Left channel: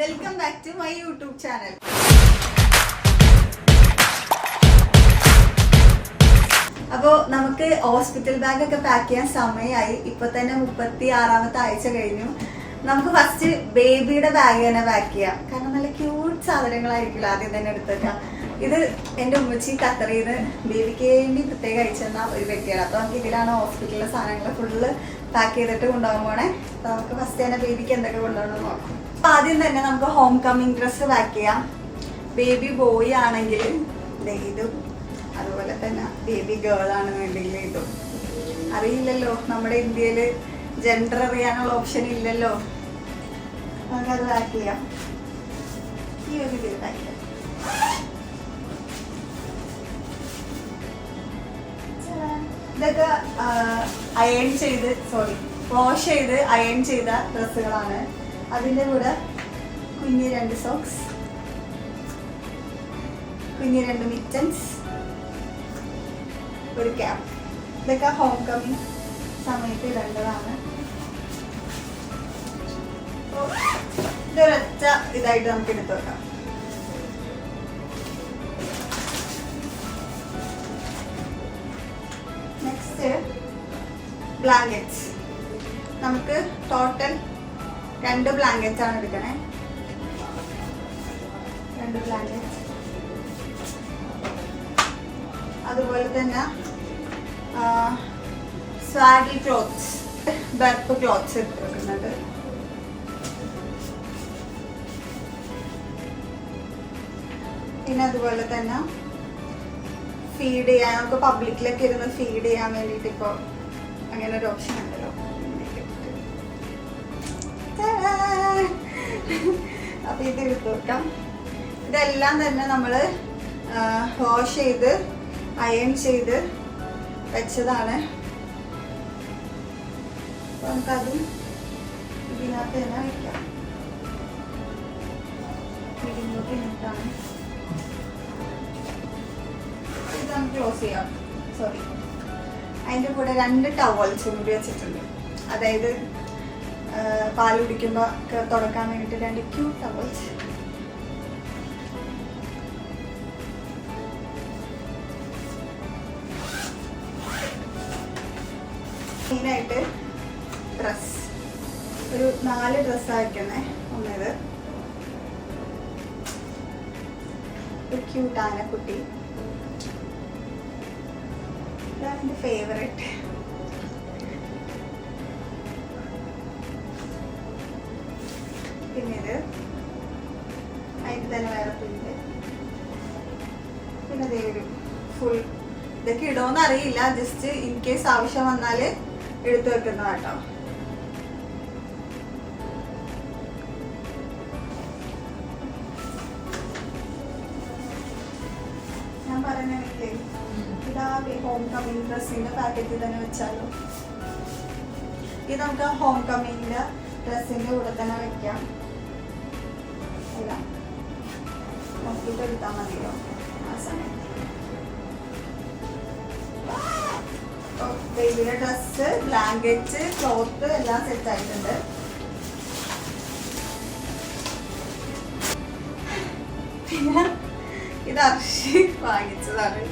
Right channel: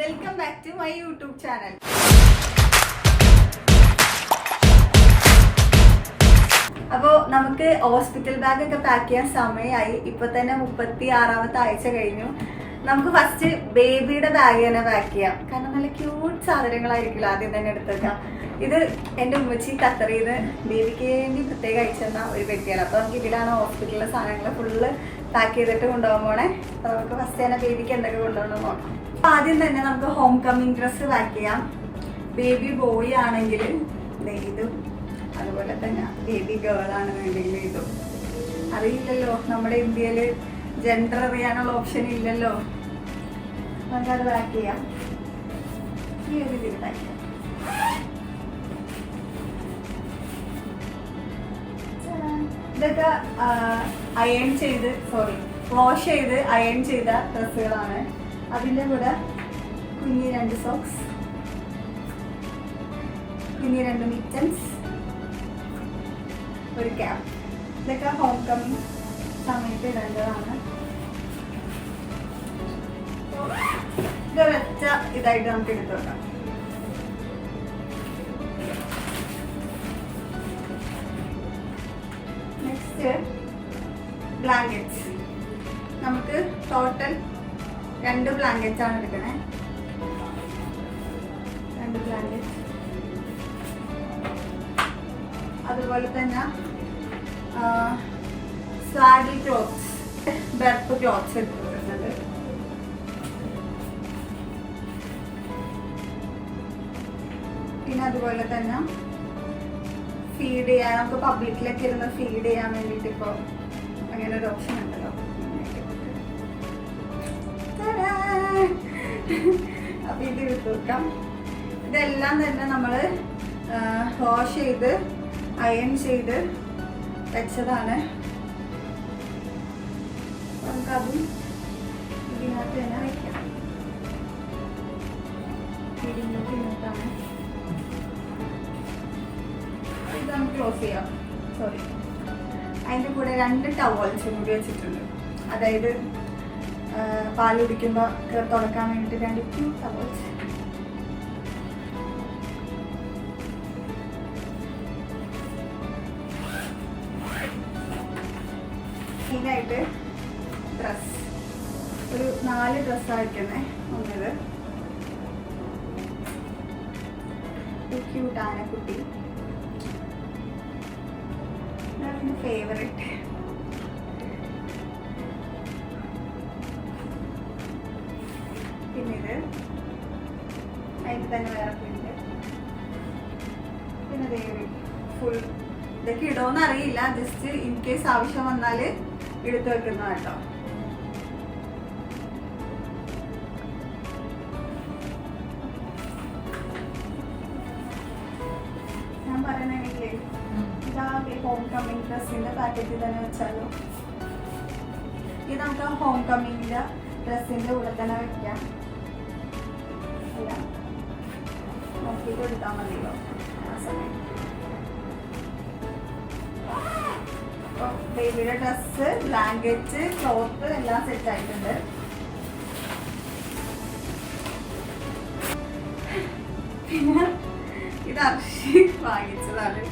Welcome back to my YouTube channel. അപ്പോൾ നമുക്ക് hospital bag ഒക്കെ പാക്ക് ചെയ്യാൻ സമയമായി. ഇപ്പൊ തന്നെ 36ാമത്തെ ആഴ്ച കഴിഞ്ഞു. നമുക്ക് ഫസ്റ്റ് ബേബിയുടെ ബാഗ് തന്നെ പാക്ക് ചെയ്യാം. കാരണം നല്ല ക്യൂട്ട് സാധനങ്ങളായിരിക്കുമല്ലോ ആദ്യം തന്നെ എടുത്തേക്കാം. ഇത് എൻ്റെ ഉമ്മച്ചി ഖത്തറിൽ നിന്ന് ബേബിക്ക് വേണ്ടി പ്രത്യേകം അയച്ചെന്ന ഒരു വ്യക്തിയാണ്. അപ്പോൾ നമുക്ക് ഇതിലാണ് ഹോസ്പിറ്റലിലെ സാധനങ്ങൾ ഫുള്ള് പാക്ക് ചെയ്തിട്ട് കൊണ്ടുപോകാൻ പോണേ. അപ്പോൾ നമുക്ക് ഫസ്റ്റ് തന്നെ ബേബിക്ക് എന്തൊക്കെ കൊണ്ടുപോകണമെന്ന് നോക്കാം. അപ്പോൾ ആദ്യം തന്നെ നമുക്ക് ഹോം കമ്മിങ് ഡ്രസ്സ് പാക്ക് ചെയ്യാം. ബേബി ബോയ് ആണെങ്കിൽ ഇതും, അതുപോലെ തന്നെ ബേബി ഗേൾ ആണെന്നുണ്ടെങ്കിൽ ഇതും. അറിയില്ലല്ലോ, നമ്മുടെ ഇന്ത്യയിൽ ജെൻഡർ അറിയാനുള്ള ഓപ്ഷൻ ഇല്ലല്ലോ. നമുക്കത് പാക്ക് ചെയ്യാം. ഈ ഒരു ഇതിൽ പാക്ക് ചെയ്യാം. ഇതൊക്കെ വാഷ് ചെയ്ത് അയൺ ചെയ്ത ഡ്രസ്സുകളാണ്. അതിൻ്റെ കൂടെ കുഞ്ഞ് 2 സോക്സ്, കുഞ്ഞ് 2 മിറ്റൻസ്, ഒരു ക്യാപ്പ്. ഇതൊക്കെ ഹോം കമ്മിങ് സമയത്ത് ഇടേണ്ടതാണ്. ഇതൊരൊറ്റ ഇതായിട്ട് നമുക്ക് എടുത്തു വെക്കാം. Next blankets. നമുക്ക് ടോട്ടൽ 2 ബ്ലാങ്കറ്റ്സ് ആണ് എടുക്കണേ. 2 ബ്ലാങ്കറ്റ്സ്. അതുപോലെ തന്നെ സ്വാഡി ക്ലോത്ത്സ്, ബർപ്പ് ക്ലോത്ത്സ് എടുത്ത് വെക്കുന്നുണ്ട്. പിന്നെ അതുപോലെ തന്നെ ഫീഡ് ചെയ്യാൻ, നമുക്ക് പബ്ലിക്കിലൊക്കെ ഇരുന്ന് ഫീഡ് ചെയ്യാൻ വേണ്ടിയിട്ട് ഇപ്പോൾ അങ്ങനെ ഒരു ഓപ്ഷൻ ഉണ്ടല്ലോ. അപ്പൊ ഇത് എടുത്ത് വെക്കാം. ഇതെല്ലാം തന്നെ നമ്മൾ വാഷ് ചെയ്ത് അയൺ ചെയ്ത് വെച്ചതാണ്. നമുക്കതും ഇതിനകത്ത് തന്നെ വെക്കാം. ഇതിനോട്ട് ഇന്നിട്ടാണ് ഇത് നമുക്ക് ക്ലോസ് ചെയ്യാം. സോറി, അതിൻ്റെ കൂടെ 2 ടവൽസ് കൂടി വെച്ചിട്ടുണ്ട്. അതായത് പാൽ കുടിക്കുമ്പോൾ തുടക്കാൻ വേണ്ടിയിട്ട് 2 ക്യൂട്ട് ടവൽസ്. മെയിനായിട്ട് ഡ്രസ് ഒരു 4 ഡ്രസ്സായിരിക്കണേ. ഒന്നത് ഒരു ക്യൂട്ട് ആനക്കുട്ടി, ഇതാണ് എൻ്റെ ഫേവറേറ്റ്. പിന്നെ ഇത് അതിന് തന്നെ വേറെ പ്രിന്റ്. പിന്നെ ഇതൊരു ഫുൾ, ഇതൊക്കെ ഇടുമെന്ന് അറിയില്ല, ജസ്റ്റ് ഇൻ കേസ് ആവശ്യം വന്നാൽ എടുത്തു വെക്കുന്ന കേട്ടോ. ഞാൻ പറഞ്ഞില്ലേ, ഇതാ ഹോം കമ്മിങ് ഡ്രസ്സിന്റെ പാക്കറ്റിൽ തന്നെ വെച്ചാലോ. ഇത് നമുക്ക് ഹോം കമ്മിങ്ങിന്റെ ഡ്രസ്സിന്റെ കൂടെ തന്നെ വെക്കാം. അല്ല, നോക്കിയിട്ട് എടുത്താൽ മതിയല്ലോ ആ സമയം. ബേബിയുടെ ഡ്രസ്സ്, ബ്ലാങ്കറ്റ്, ക്ലോത്ത് എല്ലാം സെറ്റ് ആയിട്ടുണ്ട്. പിന്നെ ഇത് അർഷി വാങ്ങിച്ചതാണ്.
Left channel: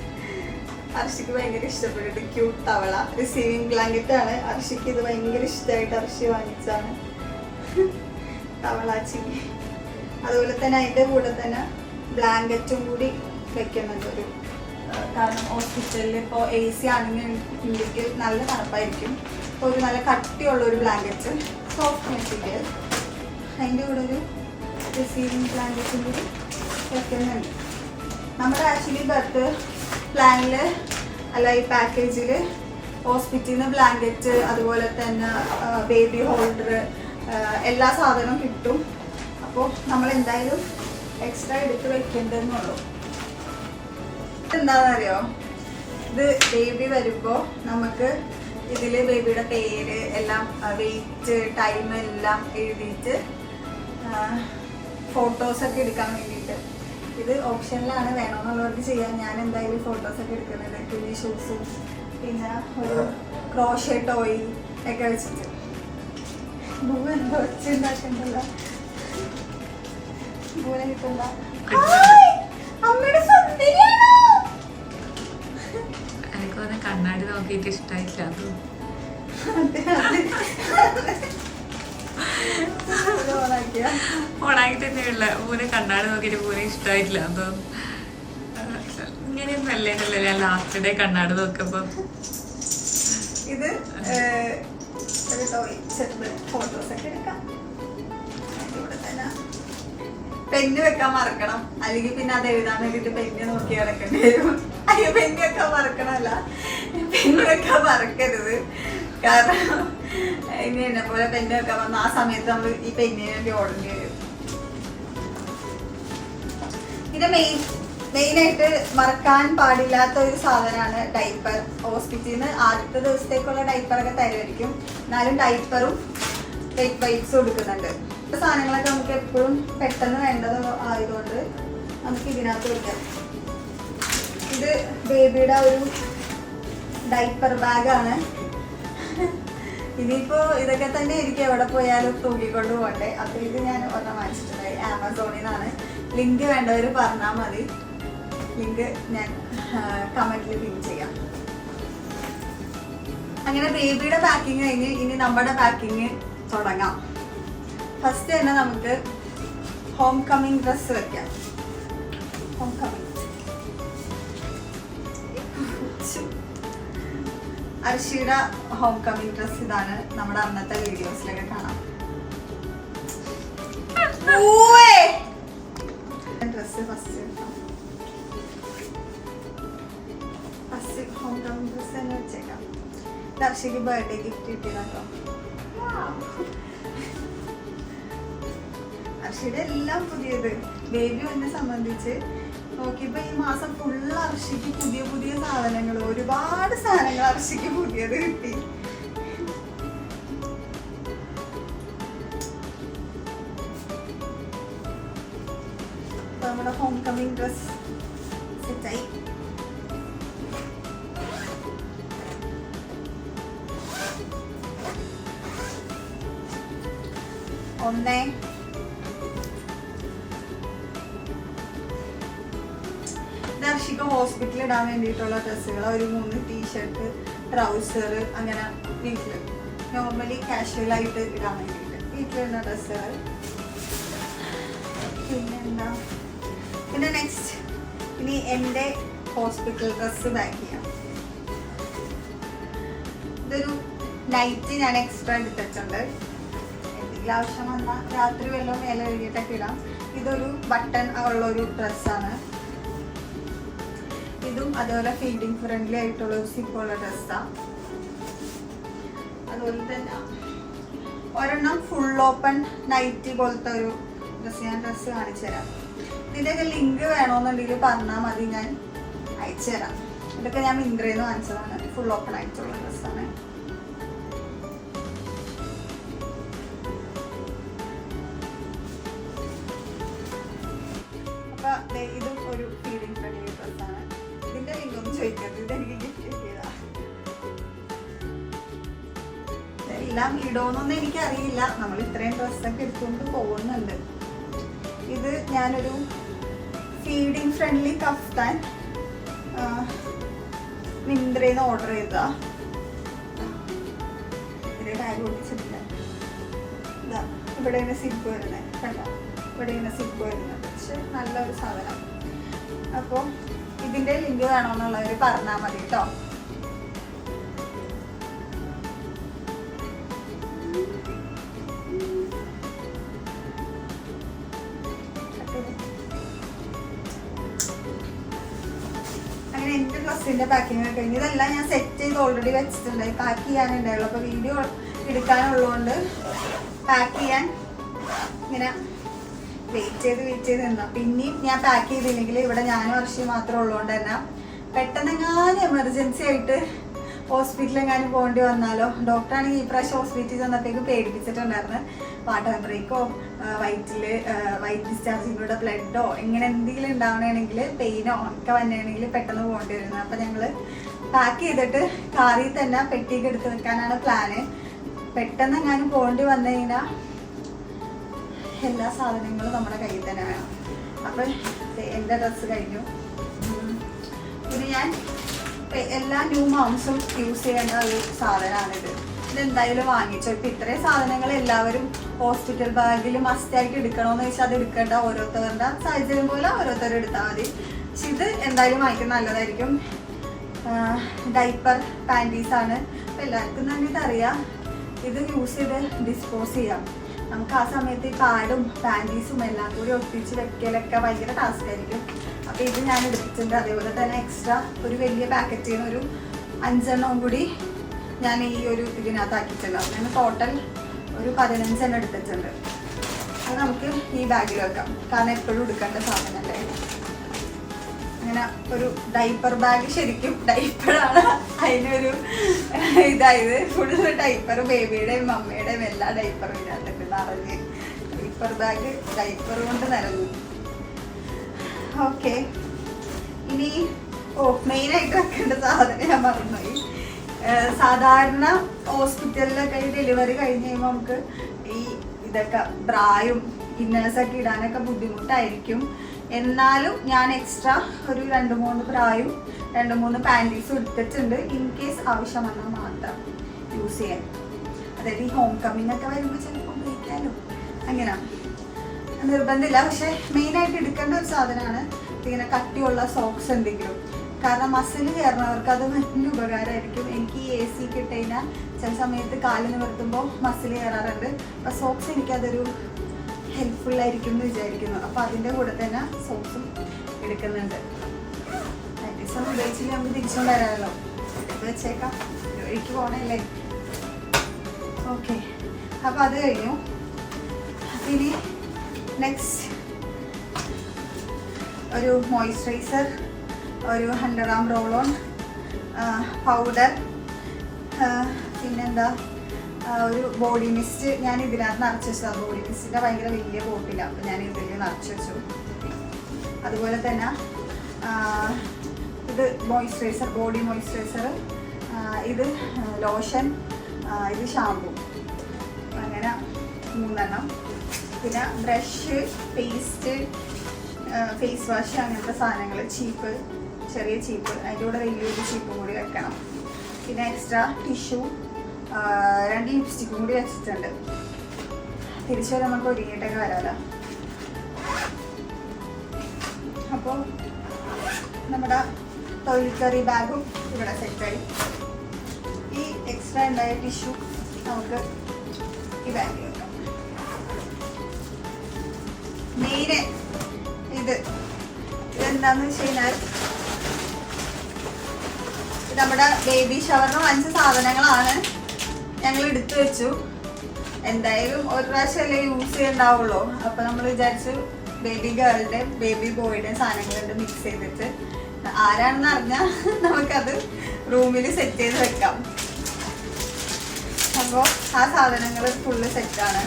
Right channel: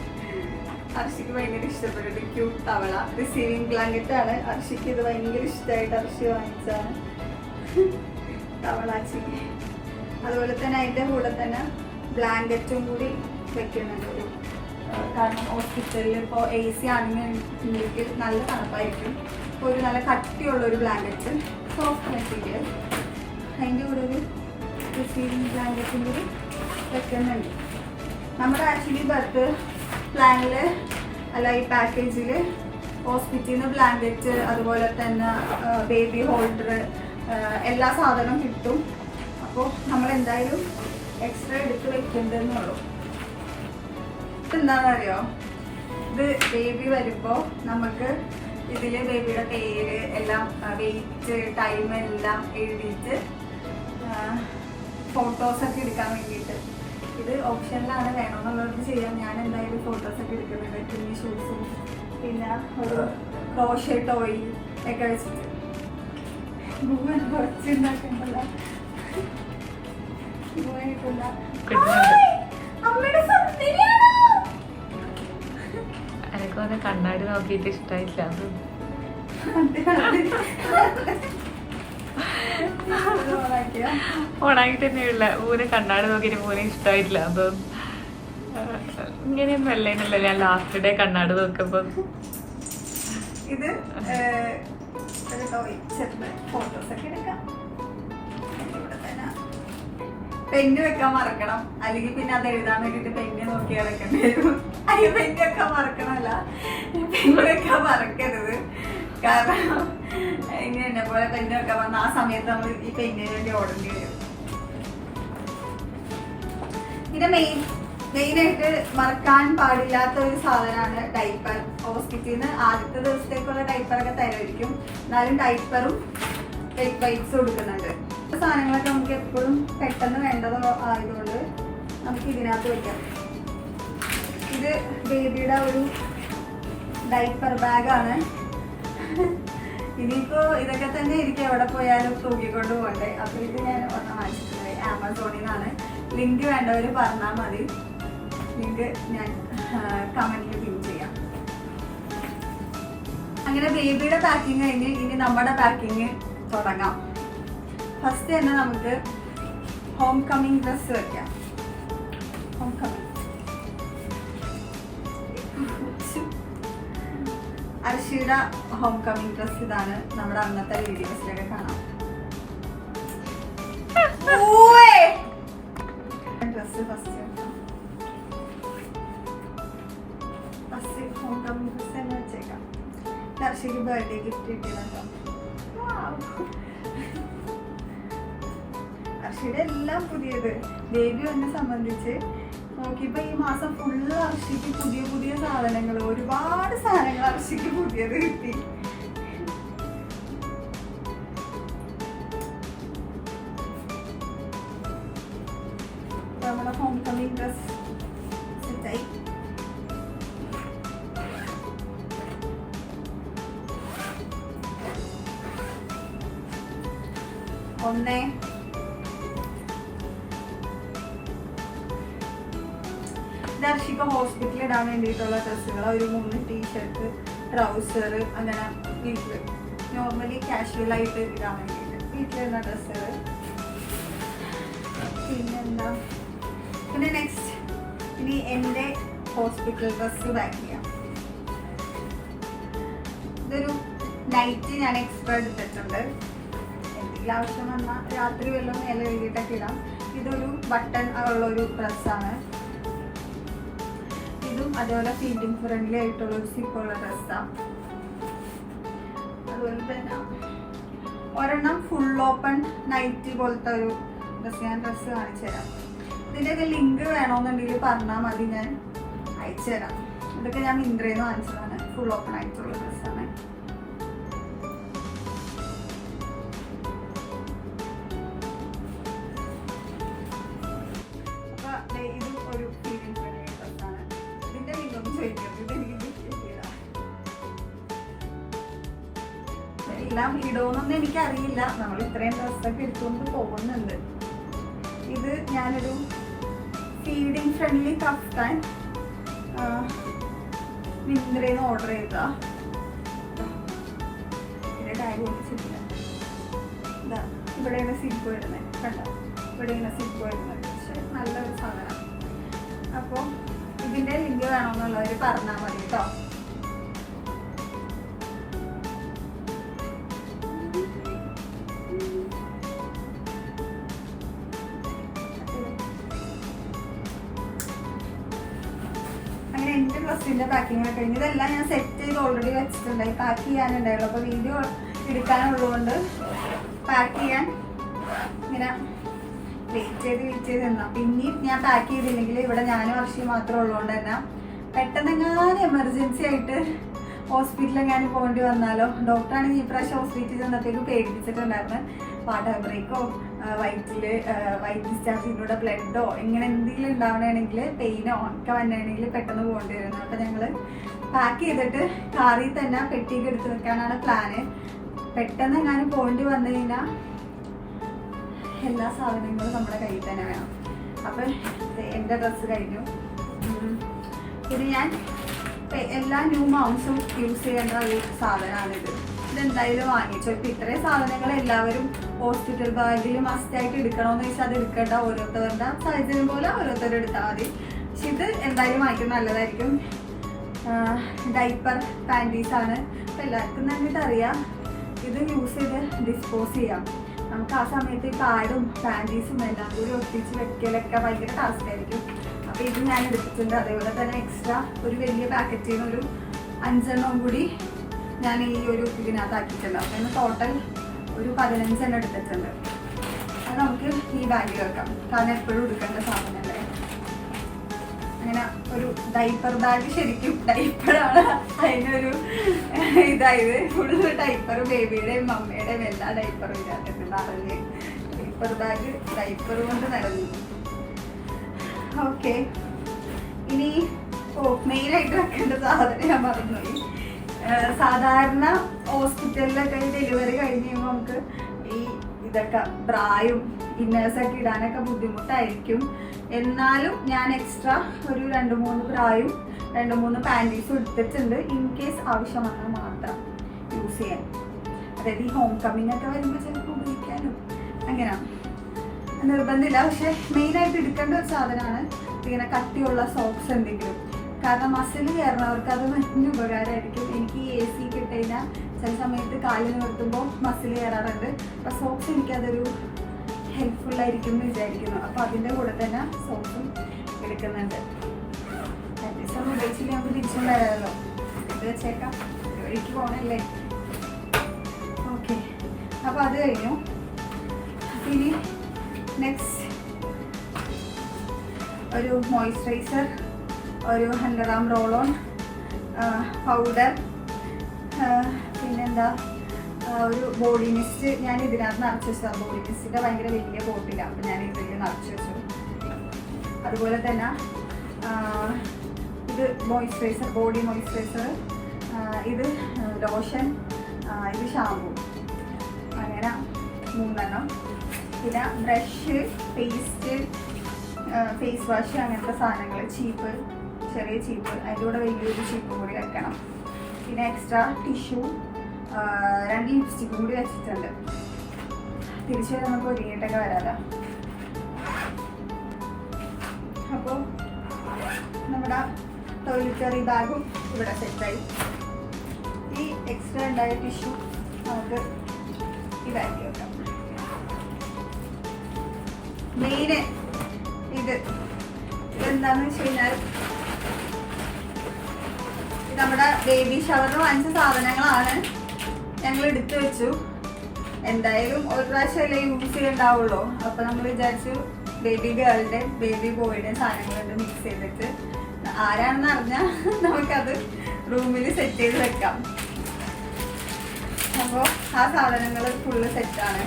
അർഷിക്ക് ഭയങ്കര ഇഷ്ടപ്പെട്ടിട്ട് ക്യൂട്ട് തവള റിസീവിങ് ബ്ലാങ്കറ്റ് ആണ്. അർഷിക്ക് ഇത് ഭയങ്കര ഇഷ്ടമായിട്ട് അർഷി വാങ്ങിച്ചതാണ് തവളാച്ചി. അതുപോലെ തന്നെ അതിൻ്റെ കൂടെ തന്നെ ബ്ലാങ്കറ്റും കൂടി വെക്കുന്നുണ്ട്. ഒരു കാരണം ഹോസ്പിറ്റലിൽ ഇപ്പോൾ AC ആണെന്നുണ്ടെങ്കിൽ നല്ല തണുപ്പായിരിക്കും. അപ്പോൾ ഒരു നല്ല കട്ടിയുള്ളൊരു ബ്ലാങ്കറ്റ്, സോഫ്റ്റ് മെറ്റീരിയൽ. അതിൻ്റെ കൂടെ ഒരു റിസീവിങ് ബ്ലാങ്കറ്റും കൂടി വെക്കുന്നുണ്ട്. നമ്മുടെ ആക്ച്വലി ബർത്ത് പ്ലാനിൽ അല്ല, ഈ പാക്കേജിൽ ഹോസ്പിറ്റലിൽ നിന്ന് ബ്ലാങ്കറ്റ്, അതുപോലെ തന്നെ ബേബി ഹോൾഡർ, എല്ലാ സാധനവും കിട്ടും. അപ്പോൾ നമ്മൾ എന്തായാലും എക്സ്ട്രാ എടുത്ത് വെക്കേണ്ടതെന്നുള്ളൂ. എന്താണെന്നറിയോ, ഇത് ബേബി വരുമ്പോൾ നമുക്ക് ഇതിൽ ബേബിയുടെ പേര് എല്ലാം, വെയിറ്റ്, ടൈം എല്ലാം എഴുതിയിട്ട് ഫോട്ടോസൊക്കെ എടുക്കാൻ വേണ്ടിയിട്ട് ഇത് ഓപ്ഷനിലാണ്. വേണമെന്നുള്ളവർക്ക് ചെയ്യാം. ഞാൻ എന്തായാലും ഫോട്ടോസൊക്കെ എടുക്കുന്നുണ്ട്. പിന്നെ ഷൂസും, പിന്നെ ഒരു ക്രോഷേ ടോയ് ഒക്കെ വെച്ചിട്ട്. എനിക്ക് വന്ന കണ്ണാടി നോക്കിയിട്ട് ഇഷ്ടായില്ല. ഓണാക്കി തന്നെയുള്ള പൂനെ കണ്ണാടി നോക്കിയിട്ട് പൂനെ ഇഷ്ടമായിട്ടില്ല. അതോ ഇങ്ങനെയൊന്നും അല്ലേണ്ടല്ലോ ഞാൻ ലാസ്റ്റ് ഡേ കണ്ണാടി നോക്കുമ്പോ. ഇത് ഫോട്ടോസൊക്കെ എടുക്കാം. ഇവിടെ തന്നെ പെന്ന് വെക്കാൻ മറക്കണം, അല്ലെങ്കിൽ പിന്നെ അത് എഴുതാൻ വേണ്ടിട്ട് പെന്ന് നോക്കി ഇറക്കേണ്ടി വരും. അയ്യോ, പെന്ന് വെക്കാൻ മറക്കണല്ല, പെന്ന് വെക്കാൻ മറക്കരുത്. കാരണം ഇനി എന്നെ പോലെ പെന്ന് വെക്കാൻ വന്ന ആ സമയത്ത് നമ്മൾ ഈ പെന്നിന് വേണ്ടി ഓടേണ്ടി വരും. പിന്നെ മെയിനായിട്ട് മറക്കാൻ പാടില്ലാത്ത ഒരു സാധനമാണ് ഡൈപ്പർ. ഹോസ്പിറ്റലിൽ നിന്ന് ആദ്യത്തെ ദിവസത്തേക്കുള്ള ഡൈപ്പറൊക്കെ തരായിരിക്കും, എന്നാലും ഡൈപ്പറും വെയിറ്റ് വൈപ്സ് കൊടുക്കുന്നുണ്ട്. സാധനങ്ങളൊക്കെ നമുക്ക് എപ്പോഴും പെട്ടെന്ന് വേണ്ടത് ആയതുകൊണ്ട് നമുക്ക് ഇതിനകത്ത് വയ്ക്കാം. ഇത് ബേബിയുടെ ഒരു ഡൈപ്പർ ബാഗാണ്. ഇതിപ്പോ ഇതൊക്കെ തന്നെ എനിക്ക് എവിടെ പോയാലും തൂക്കിക്കൊണ്ട് പോകണ്ടേ. അപ്പോൾ ഇത് ഞാൻ ഒരെണ്ണം വാങ്ങിച്ചിട്ടുണ്ടായി ആമസോണിൽ നിന്നാണ്. ലിങ്ക് വേണ്ടവർ പറഞ്ഞാൽ മതി, ലിങ്ക് ഞാൻ കമന്റിൽ പിൻ ചെയ്യാം. അങ്ങനെ ബേബിയുടെ പാക്കിങ് കഴിഞ്ഞ് ഇനി നമ്മുടെ പാക്കിങ് തുടങ്ങാം. ഫസ്റ്റ് തന്നെ നമുക്ക് ഹോം കമ്മിങ് ഡ്രസ്സ് വെക്കാം. ഹോം കമ്മിങ് അർഷിയുടെ ഹോം കമ്മിങ് ഡ്രസ് ഇതാണ്. നമ്മുടെ അന്നത്തെ വീഡിയോസിലൊക്കെ കാണാം. Dress first homecoming dress തന്നെ വെച്ചേക്കാം. അർഷിക്ക് ബർത്ത്ഡേ ഗിഫ്റ്റ് കിട്ടിയതാട്ടോ. അർഷിയുടെ എല്ലാം പുതിയത്. ബേബി എന്നെ സംബന്ധിച്ച് നോക്കിയപ്പോ ഈ മാസം ഫുള്ള് അർഷിക്ക് പുതിയ പുതിയ സാധനങ്ങൾ, ഒരുപാട് സാധനങ്ങൾ അർഷിക്ക് പുതിയത് കിട്ടി. നമ്മുടെ ഹോം കമ്മിങ് ഡ്രസ് സെറ്റായി. ഒന്നേ ദർശിക്ക് ഹോസ്പിറ്റലിൽ ഇടാൻ വേണ്ടിയിട്ടുള്ള ഡ്രസ്സുകൾ, ഒരു 3 ടീഷർട്ട്, ട്രൗസർ, അങ്ങനെ വീട്ടിൽ നോർമലി കാഷ്വൽ ആയിട്ട് ഇടാൻ വേണ്ടിയിട്ട് വീട്ടിലിടുന്ന ഡ്രസ്സുകൾ. പിന്നെന്താ, പിന്നെ നെക്സ്റ്റ് ഇനി എൻ്റെ ഹോസ്പിറ്റൽ ഡ്രസ്സ് പാക്ക് ചെയ്യാം. ഇതൊരു നൈറ്റ് ഞാൻ എക്സ്ട്രാ എടുത്തിട്ടുണ്ട്. എന്തെങ്കിലും ആവശ്യം വന്നാൽ രാത്രി വല്ലതും മേലെ എഴുതിയിട്ടൊക്കെ ഇടാം. ഇതൊരു ബട്ടൺ ഉള്ളൊരു ഡ്രസ്സാണ്. ഇതും അതേപോലെ ഫീഡിങ് ഫ്രണ്ട്ലി ആയിട്ടുള്ള ഒരു സിപ്പുള്ള ഡ്രസ്സാണ്. അതുപോലെ തന്നെ ഒരെണ്ണം ഫുൾ ഓപ്പൺ നൈറ്റി പോലത്തെ ഒരു ഡ്രസ്സ്, ഞാൻ ഡ്രസ്സ് കാണിച്ചു തരാം. ഇതിൻ്റെയൊക്കെ ലിങ്ക് വേണമെന്നുണ്ടെങ്കിൽ പറഞ്ഞാൽ മതി, ഞാൻ അയച്ചു തരാം. ഇതൊക്കെ ഞാൻ മിന്ത്രയിൽ നിന്ന് വാങ്ങിച്ചതാണ്. ഫുൾ ഓപ്പൺ ആയിട്ടുള്ള ഡ്രസ്സാണ്. അപ്പൊ ഇതും ഒരു ഫീഡിങ് ഫ്രണ്ട്ലി ഡ്രസ്സാണ്. ഇതിന്റെ ലിങ്ക് ഒന്നും ചോദിക്കരുത്, ഇതെനിക്ക് ഗിഫ്റ്റ് കിട്ടിയതാ. എല്ലാം ഇടോന്നൊന്നും എനിക്കറിയില്ല, നമ്മൾ ഇത്രയും ഡ്രസ്സൊക്കെ എടുത്തുകൊണ്ട് പോകുന്നുണ്ട്. ഇത് ഞാനൊരു ഫീഡിങ് ഫ്രണ്ട്ലി കഫ്താൻ മിന്ത്രയിൽ നിന്ന് ഓർഡർ ചെയ്താ. ഇതിന്റെ ടാഗ് ഒട്ടിച്ചിട്ടില്ല. ഇതാ ഇവിടെയാണ് സിബ് വരുന്നത്, കണ്ടോ? ഇവിടെയാണ് സിബ് വരുന്നത്. പക്ഷെ നല്ലൊരു സാധനം. അപ്പോൾ ഇതിന്റെ ലിങ്ക് വേണമെന്നുള്ളവർ പറഞ്ഞാൽ മതി കേട്ടോ. അങ്ങനെ എൻ്റെ ഡ്രസ്സിന്റെ പാക്കിംഗ് ഒക്കെ കഴിഞ്ഞ് ഇതെല്ലാം ഞാൻ സെറ്റ് ചെയ്ത് ഓൾറെഡി വെച്ചിട്ടുണ്ടായി. പാക്ക് ചെയ്യാനുണ്ടായുള്ളൂ. അപ്പോൾ വീഡിയോ എടുക്കാനുള്ളതുകൊണ്ട് പാക്ക് ചെയ്യാൻ ഇങ്ങനെ വെയിറ്റ് ചെയ്ത് നിന്നാ. പിന്നെയും ഞാൻ പാക്ക് ചെയ്തില്ലെങ്കിൽ ഇവിടെ ഞാനും വർഷം മാത്രമേ ഉള്ളതുകൊണ്ട് തന്നെ പെട്ടെന്നെങ്ങാനും എമർജൻസി ആയിട്ട് ഹോസ്പിറ്റലിൽ എങ്ങാനും പോകേണ്ടി വന്നാലോ. ഡോക്ടറാണെങ്കിൽ ഈ പ്രാവശ്യം ഹോസ്പിറ്റലിൽ ചെന്നപ്പോഴേക്കും പേടിപ്പിച്ചിട്ടുണ്ടായിരുന്നു. വാട്ടർ ബ്രേക്കോ വൈറ്റ് ഡിസ്ചാർജിലൂടെ ബ്ലഡോ ഇങ്ങനെ എന്തെങ്കിലും ഉണ്ടാവണമെങ്കിൽ പെയിനോ ഒക്കെ വന്നെയാണെങ്കിൽ പെട്ടെന്ന് പോകേണ്ടി വരുന്നത്. അപ്പം ഞങ്ങൾ പാക്ക് ചെയ്തിട്ട് കാറിൽ തന്നെ പെട്ടിയൊക്കെ എടുത്ത് വെക്കാനാണ് പ്ലാന്. പെട്ടെന്ന് എങ്ങാനും പോകേണ്ടി വന്നു കഴിഞ്ഞാൽ എല്ലാ സാധനങ്ങളും നമ്മുടെ കയ്യിൽ തന്നെ വേണം. അപ്പം എൻ്റെ ഡ്രസ്സ് കഴിഞ്ഞു. പിന്നെ ഞാൻ എല്ലാ ന്യൂ മോംസും യൂസ് ചെയ്യേണ്ട ഒരു സാധനമാണിത്. ഇതെന്തായാലും വാങ്ങിച്ചു. ഇപ്പം ഇത്രയും സാധനങ്ങൾ എല്ലാവരും ഹോസ്പിറ്റൽ ബാഗിൽ മസ്റ്റായിട്ട് എടുക്കണമെന്ന് വെച്ചാൽ അത് എടുക്കേണ്ട ഓരോരുത്തരുടെ സാഹചര്യം പോലെ ഓരോരുത്തരും എടുത്താൽ മതി. പക്ഷെ ഇത് എന്തായാലും വാങ്ങിക്കുന്നത് നല്ലതായിരിക്കും. ഡൈപ്പർ പാൻറ്റീസാണ്. അപ്പം എല്ലാവർക്കും തന്നെ അറിയാം, ഇത് യൂസ് ചെയ്ത് ഡിസ്പോസ് ചെയ്യാം. നമുക്ക് ആ സമയത്ത് ഈ പാഡും പാൻറ്റീസും എല്ലാം കൂടി ഒട്ടിച്ച് വെക്കലൊക്കെ ഭയങ്കര ടാസ്ക് ആയിരിക്കും. അപ്പോൾ ഇത് ഞാൻ എടുത്തിട്ടുണ്ട്. അതേപോലെ തന്നെ എക്സ്ട്രാ ഒരു വലിയ പാക്കറ്റിൽ നിന്ന് ഒരു 5 എണ്ണം കൂടി ഞാൻ ഈ ഒരു ഇതിനകത്ത് ആക്കിയിട്ടുണ്ട്. അപ്പോൾ ടോട്ടൽ ഒരു 15 എണ്ണം എടുത്തിട്ടുണ്ട്. അത് നമുക്ക് ഈ ബാഗിൽ വെക്കാം, കാരണം എപ്പോഴും എടുക്കേണ്ട സാധനമല്ലേ. ഇങ്ങനെ ഒരു ഡൈപ്പർ ബാഗ്, ശരിക്കും ഡൈപ്പറാണ് അതിനൊരു ഇതായത്. ഫുള്ള് ഡൈപ്പർ, ബേബിയുടെയും മമ്മിയുടെയും എല്ലാ ഡൈപ്പറും ഇതിനകത്തുണ്ട് നിറഞ്ഞ്. ഡൈപ്പർ ബാഗ് ഡൈപ്പർ കൊണ്ട് നിറഞ്ഞു. ഓക്കെ, ഇനി മെയിനായിട്ട് വെക്കേണ്ട സാധനം ഞാൻ മറന്നുപോയി. സാധാരണ ഹോസ്പിറ്റലിലൊക്കെ ഡെലിവറി കഴിഞ്ഞ് കഴിയുമ്പോൾ നമുക്ക് ഈ ഇതൊക്കെ ബ്രായും ഇന്നേഴ്സൊക്കെ ഇടാനൊക്കെ ബുദ്ധിമുട്ടായിരിക്കും. എന്നാലും ഞാൻ എക്സ്ട്രാ ഒരു 2-3 ബ്രായും 2-3 പാൻറ്റീസും എടുത്തിട്ടുണ്ട്, ഇൻ കേസ് ആവശ്യം വന്നാൽ മാത്രം യൂസ് ചെയ്യാൻ. അതായത് ഈ ഹോം കമ്മിങ് ഒക്കെ വരുമ്പോൾ ചിലപ്പോൾ ഉപയോഗിക്കാനും അങ്ങനെ നിർബന്ധമില്ല. പക്ഷെ മെയിനായിട്ട് എടുക്കേണ്ട ഒരു സാധനമാണ് ഇങ്ങനെ കട്ടിയുള്ള സോക്സ് എന്തെങ്കിലും. കാരണം മസിൽ കയറുന്നവർക്ക് അത് മറ്റൊരു ഉപകാരമായിരിക്കും. എനിക്ക് ഈ AC കിട്ടുകഴിഞ്ഞാൽ ചില സമയത്ത് കാലിൽ നിർത്തുമ്പോൾ മസിൽ കയറാറുണ്ട്. അപ്പോൾ സോക്സ് എനിക്കതൊരു ഹെൽപ്ഫുള്ളായിരിക്കും എന്ന് വിചാരിക്കുന്നു. അപ്പോൾ അതിൻ്റെ കൂടെ തന്നെ സോക്സും എടുക്കുന്നുണ്ട്. പ്രാക്ടീസൊന്നും ഉപയോഗിച്ചില്ല, നമുക്ക് തിരിച്ചുകൊണ്ട് വരാമല്ലോ. ഇത് വെച്ചേക്കാം, ഒഴുക്കി പോകണല്ലേ. ഓക്കെ, അപ്പോൾ അത് കഴിഞ്ഞു. ഇനി നെക്സ്റ്റ് ഒരു മോയ്സ്ചറൈസർ, ഒരു 100 gram റോൾ-ഓൺ പൗഡർ, പിന്നെന്താ ഒരു ബോഡി മിസ്റ്റ്. ഞാൻ ഇതിനകത്ത് നിറച്ച് വെച്ചതാണ്. ബോഡി മിസ്റ്റിൻ്റെ ഭയങ്കര വലിയ ബോട്ടില്ല, അപ്പോൾ ഞാൻ ഇതിൽ നിറച്ച് വെച്ചു. അതുപോലെ തന്നെ ഇത് മോയ്സ്ചറൈസർ, ബോഡി മോയ്സ്ചറൈസർ, ഇത് ലോഷൻ, ഇത് ഷാമ്പു, അങ്ങനെ 3 എണ്ണം. പിന്നെ ബ്രഷ്, പേസ്റ്റ്, ഫേസ് വാഷ്, അങ്ങനത്തെ സാധനങ്ങൾ. ചീപ്പ്, ചെറിയ ചീപ്പ്, അതിൻ്റെ കൂടെ വലിയൊരു ചീപ്പും കൂടി വെക്കണം. പിന്നെ എക്സ്ട്രാ ടിഷ്യൂ, 2 ലിപ്സ്റ്റിക്കും കൂടി വെച്ചിട്ടുണ്ട്. തിരിച്ചു വരെ നമുക്ക് ഒരുങ്ങിയിട്ടൊക്കെ വരാമല്ലോ. അപ്പോൾ നമ്മുടെ ടോയ്ലറ്ററി ബാഗും ഇവിടെ സെറ്റായി. ഈ എക്സ്ട്രാ ഉണ്ടായ ടിഷ്യൂ നമുക്ക് ഈ ബാഗിൽ വെക്കാം. മെയിന് ഇതെന്താന്ന് വെച്ച് കഴിഞ്ഞാൽ നമ്മുടെ ബേബി ഷവറിന് വാങ്ങിച്ച സാധനങ്ങളാണ്. ഞങ്ങൾ എടുത്തു വെച്ചു. എന്തായാലും ഒരു പ്രാവശ്യമല്ലേ യൂസ് ചെയ്യണ്ടാവുള്ളൂ. അപ്പൊ നമ്മൾ വിചാരിച്ചു ബേബി ഗേളുടെയും ബേബി ബോയുടെയും സാധനങ്ങളുടെ മിക്സ് ചെയ്തിട്ട് ആരാണെന്ന് അറിഞ്ഞാൽ നമുക്കത് റൂമിൽ സെറ്റ് ചെയ്ത് വെക്കാം. അപ്പോൾ ആ സാധനങ്ങൾ ഫുള്ള് സെറ്റാണ്.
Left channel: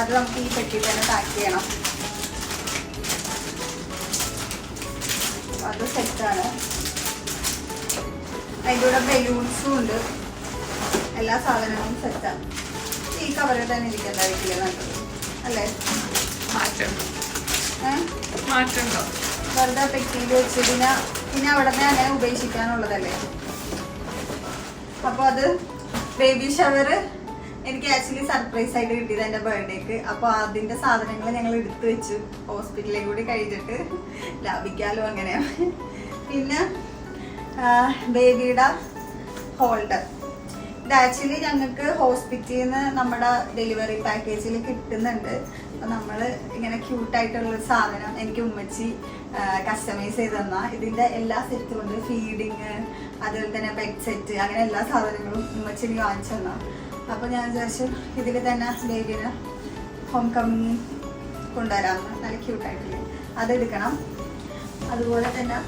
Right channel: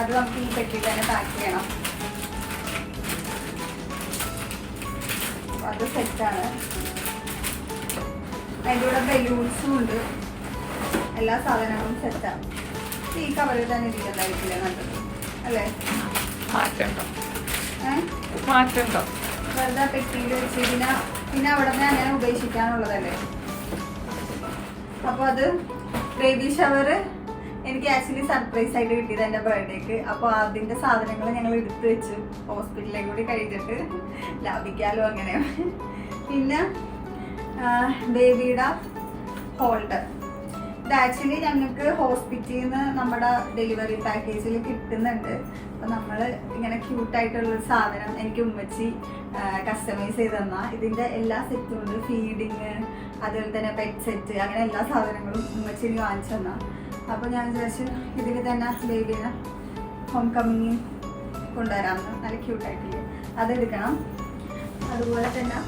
അത് നമുക്ക് ഈ പെട്ടി തന്നെ പാക്ക് ചെയ്യണം. അത് സെറ്റാണ്. അതിൻ്റെ കൂടെ ബലൂൺസും ഉണ്ട്. എല്ലാ സാധനങ്ങളും സെറ്റാണ്. ഈ കവറിൽ തന്നെ ഇരിക്കേണ്ടതായിരിക്കില്ലേ നല്ലത്, അല്ലേ? മാറ്റണ്ടോ? വെറുതെ പെട്ടിയിൽ വെച്ച് പിന്നെ അവിടെ നിന്ന് ഞാൻ ഉപേക്ഷിക്കാനുള്ളതല്ലേ. അപ്പോൾ അത് ബേബി ഷവർ എനിക്ക് ആക്ച്വലി സർപ്രൈസ് ആയിട്ട് കിട്ടിയത് എൻ്റെ ബർത്ത്ഡേക്ക്. അപ്പോൾ അതിൻ്റെ സാധനങ്ങൾ ഞങ്ങൾ എടുത്തു വെച്ചു. ഹോസ്പിറ്റലിൽ കൂടി കഴിഞ്ഞിട്ട് ലാഭിക്കാലോ അങ്ങനെ. പിന്നെ ബേബിയുടെ ഹോൾഡർ. ഇത് ആക്ച്വലി ഞങ്ങൾക്ക് ഹോസ്പിറ്റലിൽ നിന്ന് നമ്മുടെ ഡെലിവറി പാക്കേജിൽ കിട്ടുന്നുണ്ട്. അപ്പോൾ നമ്മൾ ഇങ്ങനെ ക്യൂട്ടായിട്ടുള്ളൊരു സാധനം എനിക്ക് ഉമ്മച്ചി കസ്റ്റമൈസ് ചെയ്ത് തന്നാൽ ഇതിൻ്റെ എല്ലാ സെറ്റും ഉണ്ട്. ഫീഡിങ്, അതുപോലെ തന്നെ പെറ്റ് സെറ്റ്, അങ്ങനെ എല്ലാ സാധനങ്ങളും ഉമ്മച്ചി എനിക്ക് വാങ്ങിച്ചു തന്നാൽ. അപ്പോൾ ഞാൻ വിചാരിച്ചു ഇതിൽ തന്നെ ബേബിനെ ഹോം കമ്മിങ് കൊണ്ടുവരാമെന്ന്. നല്ല ക്യൂട്ടായിട്ടില്ലേ, അതെടുക്കണം. അതുപോലെ തന്നെ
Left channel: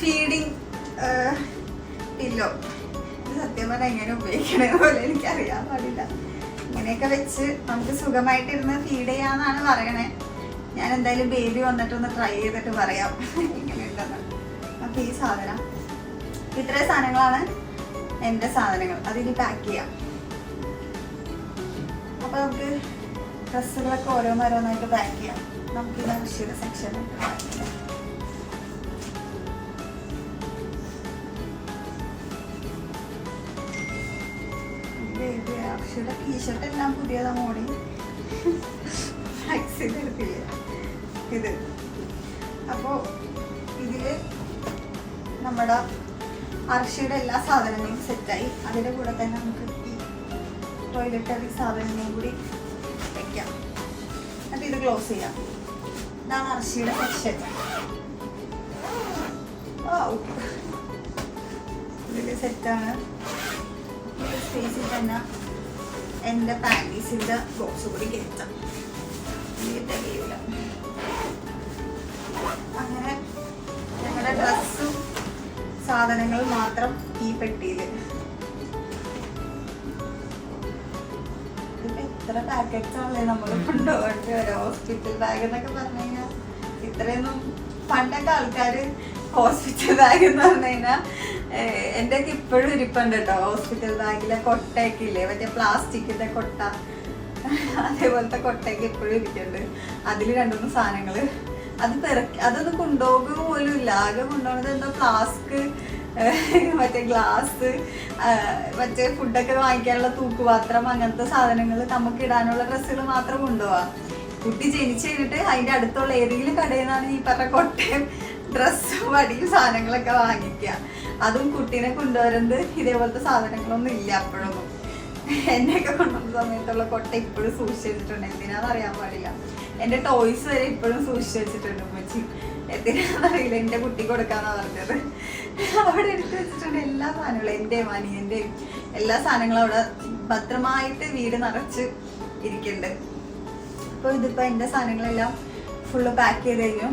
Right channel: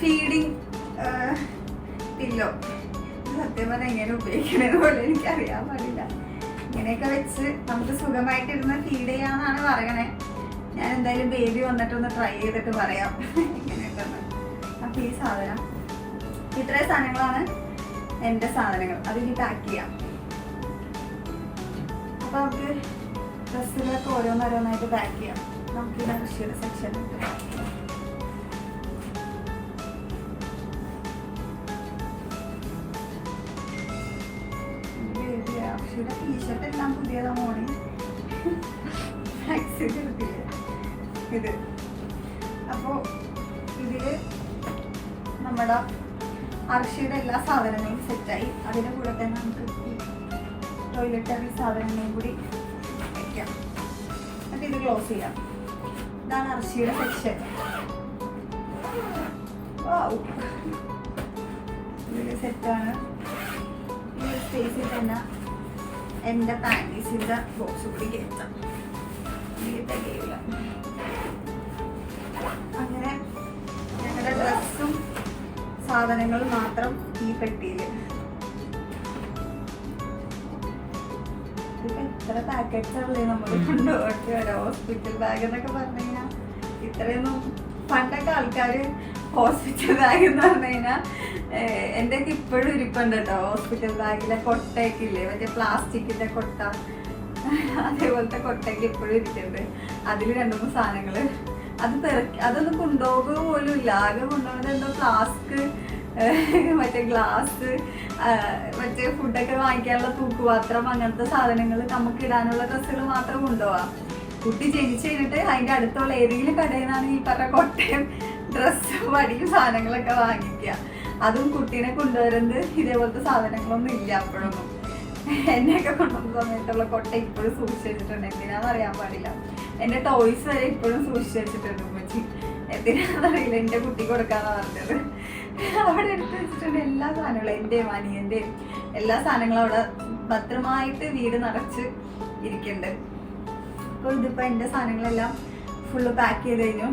ഫീഡിങ് പില്ലോ. ഇത് സത്യം പറഞ്ഞാൽ എങ്ങനെ ഉപയോഗിക്കണമെന്ന് പോലെ എനിക്കറിയാൻ പാടില്ല. ഇങ്ങനെയൊക്കെ വെച്ച് നമുക്ക് സുഖമായിട്ടിരുന്ന് ഫീഡ് ചെയ്യാമെന്നാണ് പറയണേ. ഞാൻ എന്തായാലും ബേബി വന്നിട്ടൊന്ന് ട്രൈ ചെയ്തിട്ട് പറയാം ഇങ്ങനെയുണ്ടെന്ന്. അപ്പോൾ ഈ സാധനം, ഇത്രയും സാധനങ്ങളാണ് എൻ്റെ സാധനങ്ങൾ അതിനി പാക്ക് ചെയ്യാം. അപ്പൊ നമുക്ക് ഡ്രസ്സുകളൊക്കെ ഓരോന്നോരോന്നായിട്ട് പാക്ക് ചെയ്യാം. നമുക്ക് അർഷിയുടെ സെക്ഷനിൽ പാക്ക് ചെയ്യാം. അർഷിയുടെ ടീഷർട്ട് എല്ലാം പുതിയതാ മോഡൽ. ഇത് അപ്പോൾ ഇതില് നമ്മുടെ അർഷിയുടെ എല്ലാ സാധനങ്ങളും സെറ്റായി. അതിൻ്റെ കൂടെ തന്നെ നമുക്ക് ഈ ടോയ്ലറ്ററി സാധനങ്ങളും കൂടി വെക്കാം. എന്നിട്ട് ഇത് ക്ലോസ് ചെയ്യാം. ഇതാണ് അർഷിയുടെ സെക്ഷൻ. ഇതിൽ സെറ്റാണ്. ഈ സ്പേസിൽ തന്നെ എൻ്റെ പാൻറ്റീസിൻ്റെ ബോക്സ് കൂടി കയറ്റാം. കഴിയില്ല. അങ്ങനെ ഞങ്ങളുടെ ഡ്രസ്സും സാധനങ്ങളും മാത്രം ഈ പെട്ടിയിൽ. ഇതിപ്പോ എത്ര പാക്കറ്റ്സ് ആണല്ലേ നമ്മൾ കൊണ്ടുപോകട്ടെ. ഒരു ഹോസ്പിറ്റൽ ബാഗ് എന്നൊക്കെ പറഞ്ഞു കഴിഞ്ഞാൽ ഇത്രയൊന്നും പണ്ടൊക്കെ ആൾക്കാര് ഹോസ്പിറ്റൽ ബാഗ് എന്ന് പറഞ്ഞു കഴിഞ്ഞാൽ എൻ്റെ ഒക്കെ ഇപ്പോഴും ഇരിപ്പുണ്ട് കേട്ടോ. ഹോസ്പിറ്റൽ ബാഗിലെ കൊട്ടയൊക്കെ ഇല്ലേ, മറ്റേ പ്ലാസ്റ്റിക്കിന്റെ കൊട്ട, അതേപോലത്തെ കൊട്ടയൊക്കെ ഇപ്പോഴും ഇരിക്കുന്നുണ്ട്. അതിൽ 2-3 സാധനങ്ങള് അതൊന്നും കൊണ്ടുപോകുക പോലും ഇല്ല. ആകെ കൊണ്ടുപോകുന്നത് എന്തോ ഫ്ലാസ്ക്, മറ്റേ ഗ്ലാസ്, മറ്റേ ഫുഡൊക്കെ വാങ്ങിക്കാനുള്ള തൂക്കുപാത്രം, അങ്ങനത്തെ സാധനങ്ങൾ, നമുക്ക് ഇടാനുള്ള ഡ്രസ്സുകൾ മാത്രം കൊണ്ടുപോവാം. കുട്ടി ജനിച്ചു കഴിഞ്ഞിട്ട് അതിൻ്റെ അടുത്തുള്ള ഏതെങ്കിലും കടയിൽ നിന്നാണ് ഈ പറഞ്ഞ കൊട്ടയും ഡ്രസ്സും വടിയും സാധനങ്ങളൊക്കെ വാങ്ങിക്കുക. അതും കുട്ടീനെ കൊണ്ടുവരുന്നത് ഇതേപോലത്തെ സാധനങ്ങളൊന്നും ഇല്ല അപ്പോഴൊന്നും. എന്നെയൊക്കെ കൊണ്ടുവന്ന സമയത്തുള്ള കൊട്ട ഇപ്പോഴും സൂക്ഷിച്ചു വെച്ചിട്ടുണ്ട്. എന്തിനാന്ന് അറിയാൻ പാടില്ല. എൻ്റെ ടോയ്സ് വരെ ഇപ്പോഴും സൂക്ഷിച്ചു വെച്ചിട്ടുണ്ട് ഉമ്മച്ചി. എന്തിനാന്നറിയില്ല, എൻ്റെ കുട്ടി കൊടുക്കാന്ന് പറഞ്ഞത്. അവിടെ എടുത്ത് വെച്ചിട്ടുണ്ട് എല്ലാ സാധനങ്ങളും. എൻ്റെയും അനിയൻ്റെയും എല്ലാ സാധനങ്ങളും അവിടെ ഭദ്രമായിട്ട് വീട് നിറച്ച് ഇരിക്കുന്നുണ്ട്. അപ്പോൾ ഇതിപ്പോൾ എൻ്റെ സാധനങ്ങളെല്ലാം ഫുള്ള് പാക്ക് ചെയ്ത് കഴിഞ്ഞു.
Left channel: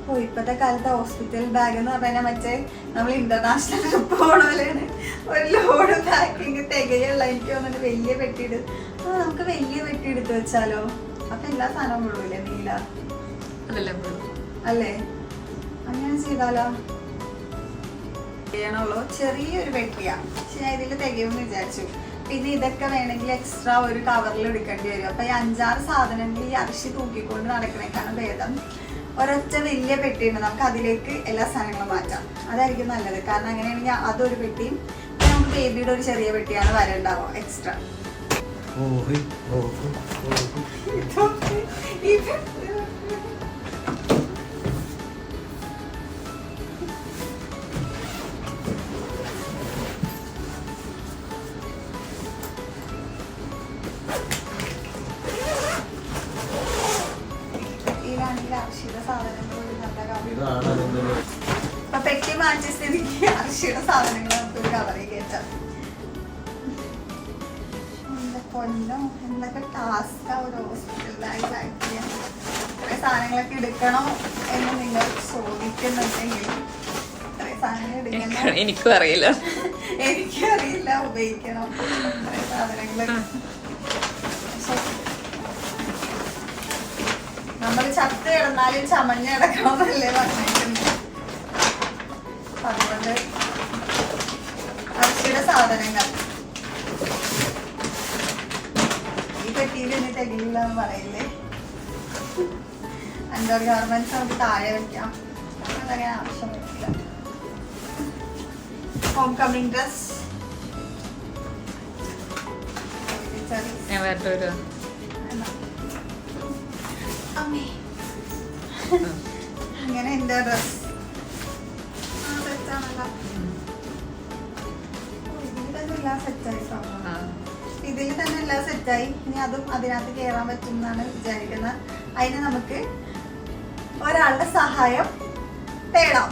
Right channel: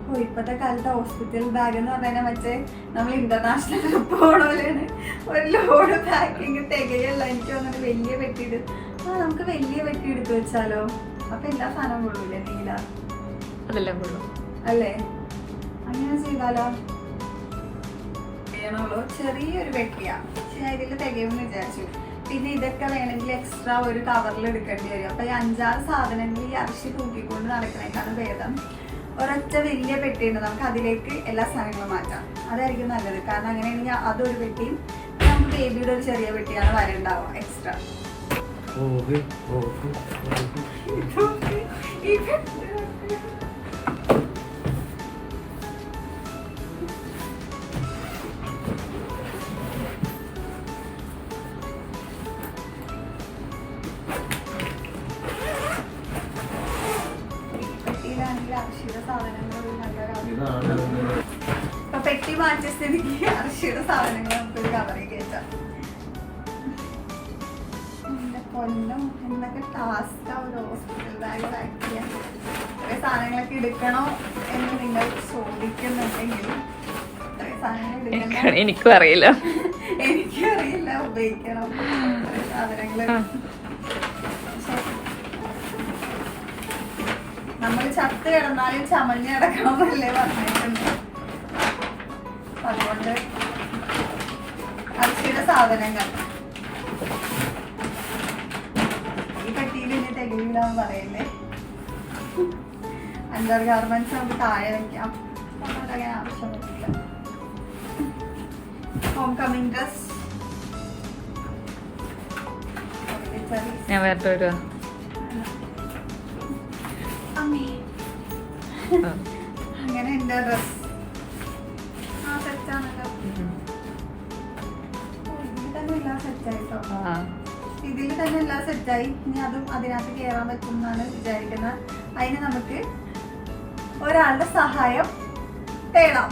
അപ്പോൾ ഇപ്പോഴത്തെ കാലത്ത് ഹോസ്പിറ്റൽ ബാഗ് എന്ന് പറഞ്ഞാൽ മറ്റേ നമ്മൾ ഇന്റർനാഷണൽ ട്രിപ്പ് പോകണ പോലെയാണ്. ഒരു ലോഡ് പാക്കിങ് തികയുള്ള. എനിക്ക് തോന്നുന്നു വലിയ പെട്ടിയിട്ട് നമുക്ക് വലിയ പെട്ടി എടുത്ത് വെച്ചാലോ. അപ്പൊ എല്ലാ സാധനവും കൊള്ളൂല്ലേ നീല? അതെല്ലാം കൊള്ളു അല്ലേ? അങ്ങനെ ചെയ്താലോ? ചെയ്യണുള്ളൂ. ചെറിയൊരു പെട്ടിയാ. പക്ഷെ ഇതിൽ തികയുമെന്ന് വിചാരിച്ചു. പിന്നെ ഇതൊക്കെ വേണമെങ്കിൽ എക്സ്ട്രാ ഒരു കവറിൽ എടുക്കേണ്ടി വരും. അപ്പൊ ഈ 5-6 സാധനങ്ങൾ ഈ അർഷി തൂക്കിക്കൊണ്ട് നടക്കണേക്കാണ് ഭേദം ഒരൊറ്റ വലിയ പെട്ടിയുണ്ട്, നമുക്ക് അതിലേക്ക് എല്ലാ സാധനങ്ങളും മാറ്റാം. അതായിരിക്കും നല്ലത്. കാരണം അങ്ങനെയാണെങ്കിൽ അതൊരു പെട്ടിയും നമുക്ക് ബേബിയുടെ ഒരു ചെറിയ പെട്ടിയാണ് വരണ്ടാവുക എക്സ്ട്രാ. പെട്ടി മാറ്റിയ സ്ഥിതിക്ക് അർഷിയുടെ സാധനങ്ങൾ നമുക്കൊരു കവറിൽ കയറ്റാം. എന്റെ പൊന്നോ, എന്തൊക്കെ ടാസ്കാ ഒരു ഹോസ്പിറ്റൽ ബാഗ് പാക്ക് ചെയ്യാൻ. ഇത്രയും സാധനങ്ങളൊക്കെ എടുക്കണോ എന്ന് നിങ്ങൾ ചോദിക്കുന്നുണ്ടെങ്കിൽ ഇത്രയും സാധനങ്ങൾ എടുക്കണം. എനിക്കും അറിയില്ല, ഉപയോഗിക്കണം ഇത്രയും സാധനങ്ങൾ. നമ്മൾ ചത്ത് കിടന്നാലും ചമഞ്ഞ് കിടക്കണമെന്നല്ലേ പറഞ്ഞിട്ടുണ്ട്. അതുകൊണ്ട് അർഷിയുടെ സാധനങ്ങൾ ഈ പെട്ടിയിൽ ഇനി തികയില്ല എന്ന് പറയില്ലേ. 5-6 ഗാർമെന്റ്സ് നമുക്ക് താഴെ വെക്കാം. അങ്ങനെ ആവശ്യമില്ല. ഹോം കമ്മിങ് ഡ്രസ് അങ്ങനെ എന്റെ ഡ്രസ് ഇതിൽ തന്നെ എല്ലാം സെറ്റായി. ഇനി അതും അതിനകത്ത് കയറാൻ പറ്റും എന്നാണ് വിചാരിക്കുന്നത്. അതിന് നമുക്ക് ഒരാളുടെ സഹായം തേടാം.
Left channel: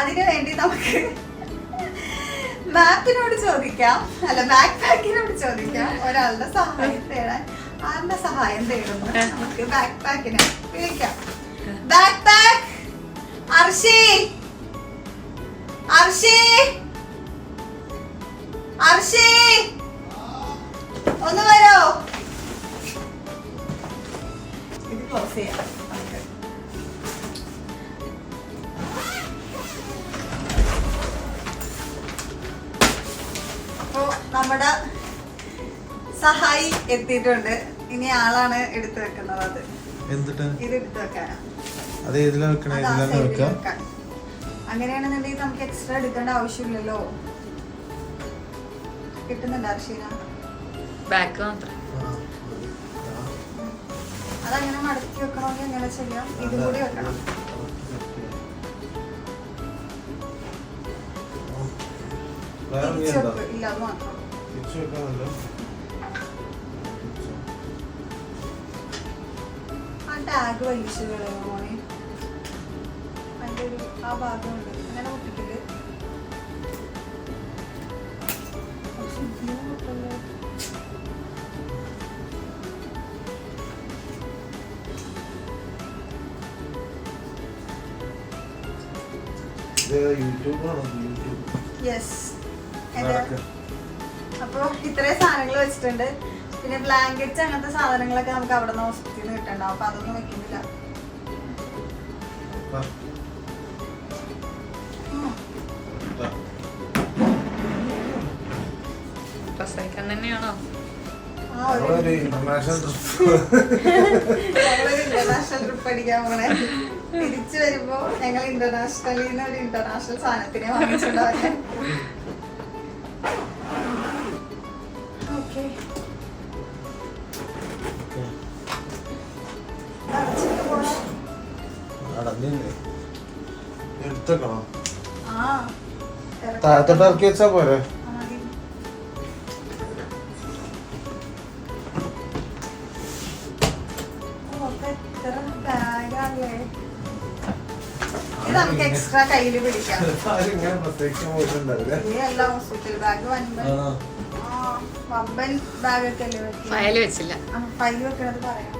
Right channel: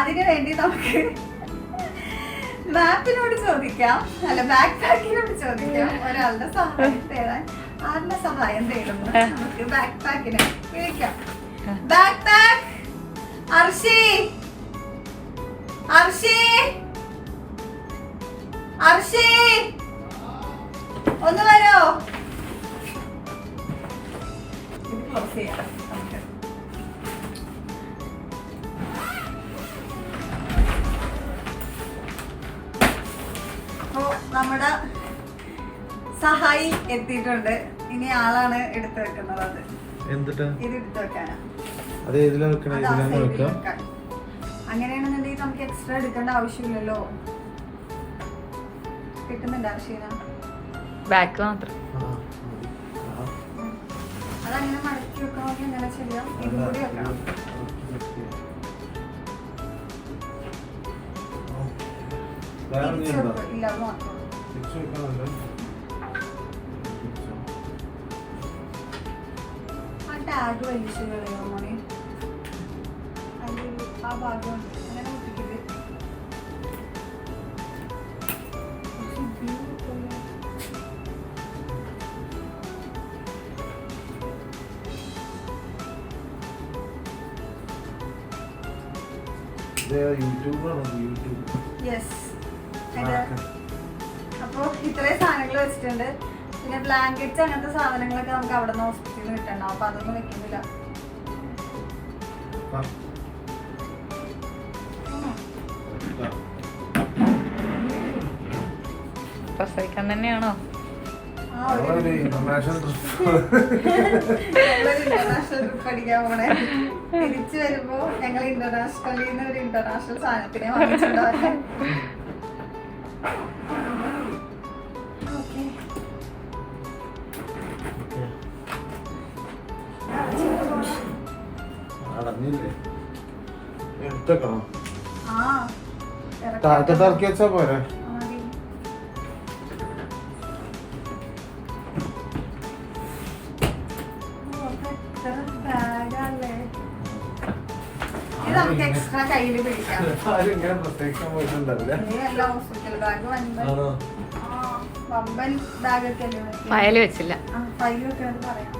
അതിനു വേണ്ടി നമുക്ക് മാപ്പിനോട് ചോദിക്കാം, അല്ല ബാക്ക് പാക്കിനോട് ചോദിക്കാം ഒരാളുടെ സഹായം തേടാൻ. ആരുടെ സഹായം തേടുന്നു? നമുക്ക് ബാക്ക് പാക്കിനെ വിളിക്കാം. ബാക്ക് പാക്ക് അർഷി, അർഷി, അർഷി ഒന്ന് വരോ? ഇത് ക്ലോസ് ചെയ്യാം നമുക്ക്. സഹായി എത്തിയിട്ടുണ്ട്. ഇനി ആളാണ് എടുത്തു വെക്കുന്നത്. അത് എന്നിട്ട് ഇത് എടുത്തു വെക്കാനാ. അത് ഏതിലാ വെക്കണേ? ഇതിലാണ് വെക്കാം. അങ്ങനെയാണെന്നുണ്ടെങ്കിൽ നമുക്ക് എക്സ്ട്രാ എടുക്കേണ്ട ആവശ്യമില്ലല്ലോ. കിട്ടുന്നുണ്ട് അർഷീന? ബാക്ക് മാത്രം. അതങ്ങനെ മടക്കി വെക്കണമെങ്കിൽ എങ്ങനെ ചെയ്യാം? ഇതും കൂടി വെക്കണം. ഇല്ല, അത് മാത്രം. ആ ടാഗ് വലിച്ചു പോണേ. അതിന്റെ ആ ഭാഗമുണ്ട്. അങ്ങനെ വിട്ടിട്ട് അപ്പൊ ഇത്രയും സാധനങ്ങൾ വെച്ചിട്ടുണ്ട്. പിന്നെ ബ്ലാങ്കറ്റ്സ് അങ്ങനത്തെ സാധനങ്ങളൊക്കെ നമുക്ക് അവിടെ നിന്ന് ഹോസ്പിറ്റലിൽ നിന്ന് കിട്ടണ്ട. അപ്പൊ അതൊന്നും വെക്കുന്നില്ല. തന്നെയാണോ? ഇന്റർനാഷണൽ ട്രിപ്പ് അടിക്കാൻ പോണേ. തിരിച്ചു വരുമ്പോ ഞങ്ങൾ ഇന്റർനാഷണലിൽ നിന്ന് ഒരു ഇന്റർനാഷണൽ സാധനത്തിനെ വാങ്ങിച്ചിട്ടുണ്ടാവാൻ. ഓക്കെ, എടുത്തേക്കണോ? ആ താത്തിട്ടാക്കി വെച്ചാ പോരെ? നമുക്ക് എക്സ്ട്രാ കയ്യിൽ പിടിക്കാം. പ്രത്യേകിച്ച് പോയിട്ടുണ്ടാവില്ല. എല്ലാം ഹോസ്പിറ്റൽ ബാഗ്, വമ്പൻ ബാഗൊക്കെ അല്ലേ? ഫയൽ വെച്ചില്ല. ഫയൽ വെക്കണത് പറയാം.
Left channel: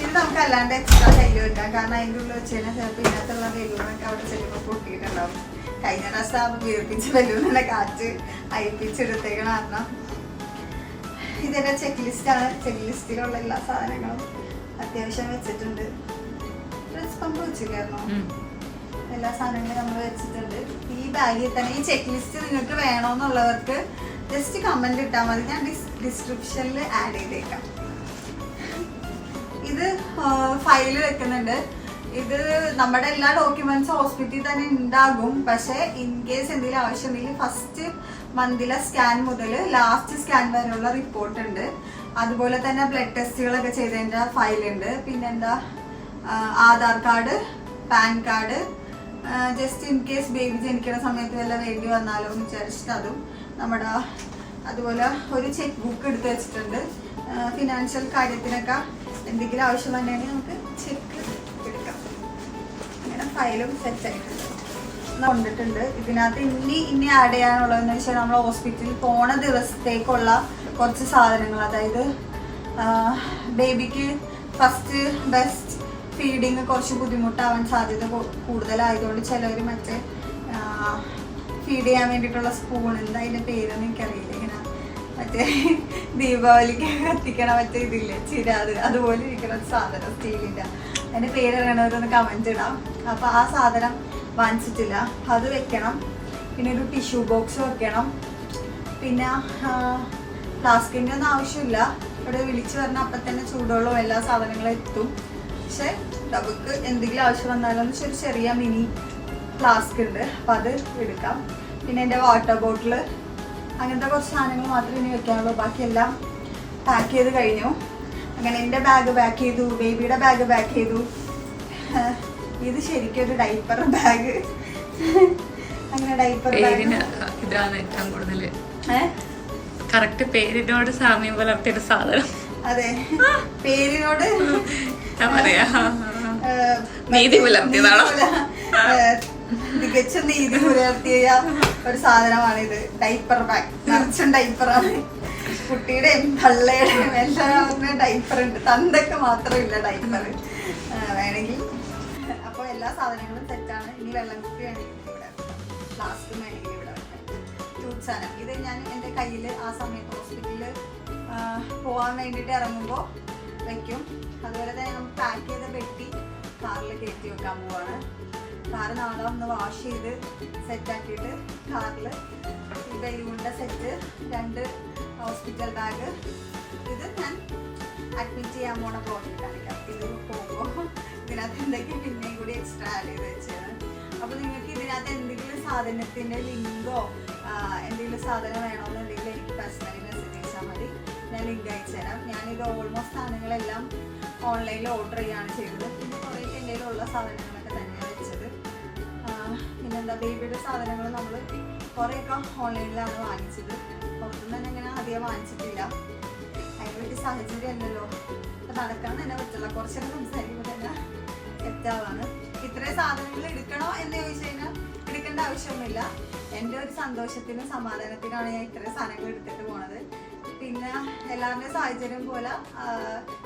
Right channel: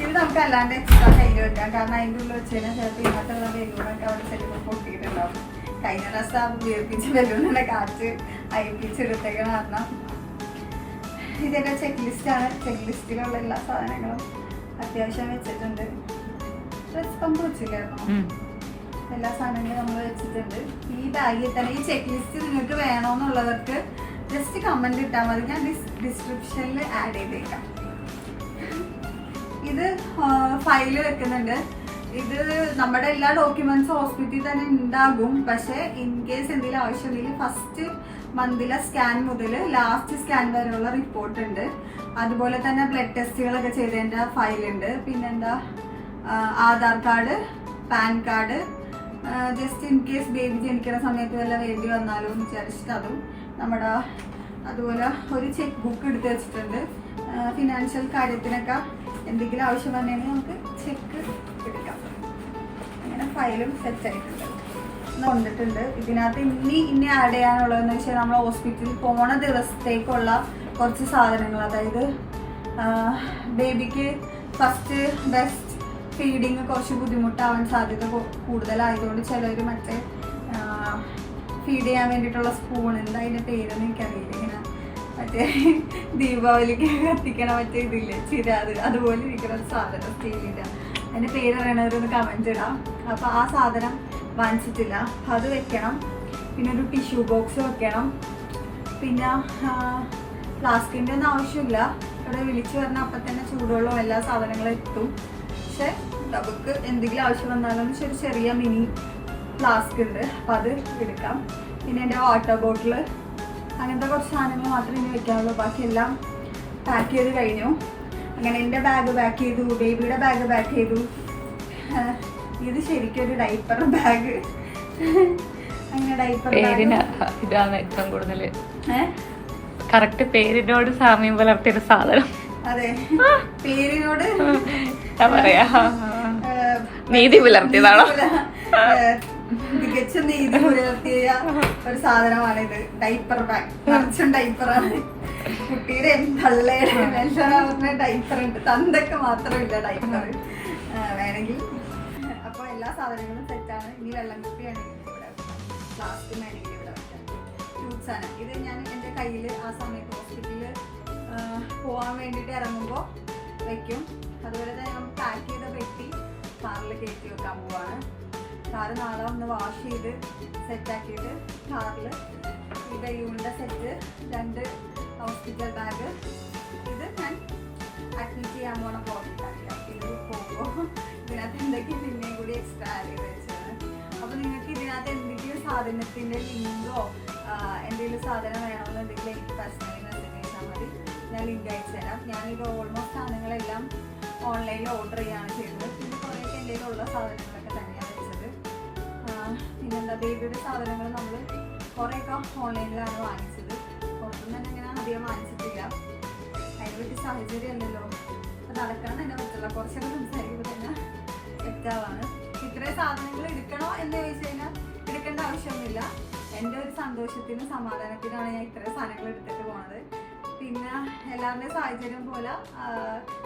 ഇത് നമുക്ക് അല്ലാണ്ട് എക്സ്ട്രാ കയ്യിൽ വെക്കാം. കാരണം അതിൻ്റെ ഉള്ളിൽ വെച്ച് കഴിഞ്ഞാൽ ചിലപ്പോൾ ഇതിനകത്തുള്ള ബലൂണൊക്കെ അവിടെ ചെല്ലുമ്പോൾ പൊട്ടിയിട്ടുണ്ടാവും. കഴിഞ്ഞ പ്രാവശ്യം വീർപ്പിച്ച ബലൂണിനെ കാറ്റ് അയപ്പിച്ചെടുത്തേക്കണ കാരണം. ഇതെന്റെ ചെക്ക് ലിസ്റ്റാണ്. ചെക്ക് ലിസ്റ്റിലുള്ള എല്ലാ സാധനങ്ങളും അത്യാവശ്യം വെച്ചിട്ടുണ്ട്. ഡ്രസ് പമ്പ് വെച്ചില്ലായിരുന്നു. എല്ലാ സാധനങ്ങളും നമ്മൾ വെച്ചിട്ടുണ്ട്. ഈ ബാഗിൽ തന്നെ ഈ ചെക്ക് ലിസ്റ്റ് നിങ്ങൾക്ക് വേണമെന്നുള്ളവർക്ക് ജസ്റ്റ് കമന്റ് ഇട്ടാൽ മതി. ഞാൻ ഡിസ്ക്രിപ്ഷനിൽ ആഡ് ചെയ്തേക്കാം. ഇത് ഫയൽ വെക്കുന്നുണ്ട്. ഇത് നമ്മുടെ എല്ലാ ഡോക്യുമെന്റ്സും ഹോസ്പിറ്റലിൽ തന്നെ ഉണ്ടാകും. പക്ഷെ ഇൻ കേസ് എന്തെങ്കിലും ആവശ്യമുണ്ടെങ്കിൽ ഫസ്റ്റ് മന്തിലെ സ്കാൻ മുതൽ ലാസ്റ്റ് സ്കാൻ വരെയുള്ള റിപ്പോർട്ട് ഉണ്ട്. അതുപോലെ തന്നെ ബ്ലഡ് ടെസ്റ്റുകളൊക്കെ ചെയ്തതിൻ്റെ ഫയലുണ്ട്. പിന്നെന്താ, Aadhaar card, pan card, just in case baby ജനിക്കുന്ന സമയത്ത് വല്ല വേണ്ടി വന്നാലോ എന്ന് വിചാരിച്ചിട്ട് അതും നമ്മുടെ. അതുപോലെ ഒരു ചെക്ക് ബുക്ക് എടുത്ത് വെച്ചിട്ടുണ്ട്. ഫിനാൻഷ്യൽ കാര്യത്തിനൊക്കെ എന്തെങ്കിലും ആവശ്യം വന്നെങ്കിൽ നമുക്ക് ചെക്ക് എടുക്കാം. അങ്ങനെ ഫയലും സെറ്റ് ആയിട്ടുണ്ട്, കൊണ്ടിട്ടുണ്ട്. ഇതിനകത്ത് ഇനി ആഡ് ചെയ്യാനുള്ളതെന്ന് വെച്ചാൽ നമ്മൾ ഹോസ്പിറ്റലിൽ പോണ ദിവസത്തേക്കുള്ള കുറച്ച് സാധനങ്ങൾ. അതായത് ബേബിക്ക് ഫസ്റ്റ് ബെസ്റ്റ് ഫീഡിങ് കുറച്ച് ബുദ്ധിമുട്ടാവാൻ സാധ്യത കൂടുതലായതുകൊണ്ട് ചിലവർ മറ്റേ ഫീഡ് ചെയ്യാൻ വേണ്ടിയിട്ടുള്ള സ്പൂൺ, എന്താ അതിൻ്റെ പേരൊന്നും എനിക്കറിയില്ല, ഇങ്ങനെ മറ്റേ ദീപാവലിക്ക് കത്തിക്കണ മറ്റേ ഇതില്ലേ ചിരാത്, അതുപോലെ ഇരിക്കുന്ന ഒരു സാധനം സ്റ്റീലിൻ്റെ. അതിൻ്റെ പേരറിയണവരൊന്ന് കമൻറ്റ് ഇടാം. അപ്പോൾ ആ സാധനം വാങ്ങിച്ചിട്ടില്ല, അത് വെക്കണം. പിന്നെ ഒരു ടിഷ്യൂ ബോക്സ് വെക്കണം. പിന്നെ ഫ്ലാസ്കിൻ്റെ ഒന്നും ആവശ്യമില്ല. ഇവിടെ വിളിച്ച് പറഞ്ഞാൽ അപ്പം തന്നെ ചൂടുവെള്ളവും എല്ലാ സാധനങ്ങളും എത്തും. പക്ഷെ നമുക്ക് എന്തെങ്കിലും ആവശ്യം വന്നാലും ചെറിയ മിനി ഫ്ലാസ്ക് ഉണ്ട്, അപ്പം അത് എടുക്കാം. പിന്നെ എൻ്റെ വാട്ടർ ബോട്ടിൽ, അങ്ങനത്തെ കുറച്ച് സാധനങ്ങൾ മാത്രമേ ഇനി വെക്കാനുള്ളൂ. ബാക്കിയെല്ലാം പാക്ക് ചെയ്ത് കഴിഞ്ഞു. അങ്ങനെ എൻ്റെ ബാഗ് പാക്ക് ചെയ്തു, ബേബിയുടെ ബാഗ് പാക്ക് ചെയ്തു. ഇത് ശരിക്കും ഒരു ഡൈപ്പർ ബാഗ്. അങ്ങനെ ഡൈപ്പർ ബാഗ് ഇതാണ് ഏറ്റവും കൂടുതൽ കറക്റ്റ് പേരിനോട് സാമ്യം പുലർത്തിയ സാധനം. അതെ, പേരിനോട് പറയാ നീതി പുലർത്തിയതാണോ? തികച്ചും നീതി പുലർത്തിയ ഒരു സാധനമാണിത്. ഡൈപ്പർ ബാഗ്, നിറച്ചും ഡൈപ്പറാണ്. കുട്ടിയുടെയും തള്ളയുടെയും എല്ലാവരുടെയും ഡൈപ്പർ ഉണ്ട്. തന്തൊക്കെ മാത്രമില്ല ഡൈപ്പർ വേണമെങ്കിൽ. അപ്പോൾ എല്ലാ സാധനങ്ങളും സെറ്റാണ്. ഇനി വെള്ളം കുപ്പി വേണമെങ്കിൽ ഇവിടെ, ഫ്ലാസ്ക് വേണമെങ്കിൽ ഇവിടെ, ഫ്രൂട്ട്സാണ്. ഇത് ഞാൻ എൻ്റെ കയ്യിൽ ആ സമയത്ത് ഹോസ്പിറ്റലിൽ പോകാൻ വേണ്ടിയിട്ട് ഇറങ്ങുമ്പോൾ വയ്ക്കും. അതുപോലെ തന്നെ നമ്മൾ പാക്ക് ചെയ്ത പെട്ടി കാറിൽ കയറ്റി വെക്കാൻ പോവാണ്. കാറ് നാളെ ഒന്ന് വാഷ് ചെയ്ത് സെറ്റാക്കിയിട്ട് കാറിൽ ബലൂണിൻ്റെ സെറ്റ്, 2 ഹോസ്പിറ്റൽ ബാഗ്. ഇത് ഞാൻ അഡ്മിറ്റ് ചെയ്യാൻ പോണ പോയിട്ടാണ്. ഇത് പോകുമ്പോൾ ഇതിനകത്ത് എന്തൊക്കെയും പിന്നെയും കൂടി എക്സ്ട്രാ ആഡ് ചെയ്ത് വെച്ചതാണ്. അപ്പോൾ നിങ്ങൾക്ക് ഇതിനകത്ത് എന്തെങ്കിലും സാധനത്തിൻ്റെ ലിങ്കോ എന്തെങ്കിലും സാധനം വേണമെന്നുണ്ടെങ്കിൽ എനിക്ക് പേഴ്സണലി മെസ്സേജ് അയച്ചാൽ മതി. ഞാൻ ലിങ്ക് അയച്ചു തരാം. ഞാനിത് ഓൾമോസ്റ്റ് സാധനങ്ങളെല്ലാം ഓൺലൈനിൽ ഓർഡർ ചെയ്യുകയാണ് ചെയ്തത്. പിന്നെ കുറേയൊക്കെ എൻ്റെ കയ്യിലുള്ള സാധനങ്ങളൊക്കെ തന്നെയാണ് വെച്ചത്. പിന്നെന്താ ബേബിയുടെ സാധനങ്ങൾ നമ്മൾ കുറേയൊക്കെ ഓൺലൈനിലാണ് വാങ്ങിച്ചത്. പുറത്തുനിന്ന് തന്നെ ഇങ്ങനെ അധികം വാങ്ങിച്ചിട്ടില്ല. അതിനെ പറ്റി സാഹചര്യമല്ലല്ലോ, അപ്പോൾ നടക്കണം തന്നെ പറ്റില്ല. കുറച്ചൊക്കെ സംസാരിക്കുമ്പോൾ തന്നെ തെറ്റാവാണ്. ഇത്രയും സാധനങ്ങൾ എടുക്കണോ എന്ന് ചോദിച്ചു കഴിഞ്ഞാൽ എടുക്കേണ്ട ആവശ്യമൊന്നുമില്ല. എൻ്റെ ഒരു സന്തോഷത്തിനും സമാധാനത്തിനാണ് ഞാൻ ഇത്രയും സാധനങ്ങൾ എടുത്തിട്ട് പോണത്. പിന്നെ എല്ലാവരുടെയും സാഹചര്യം പോലെ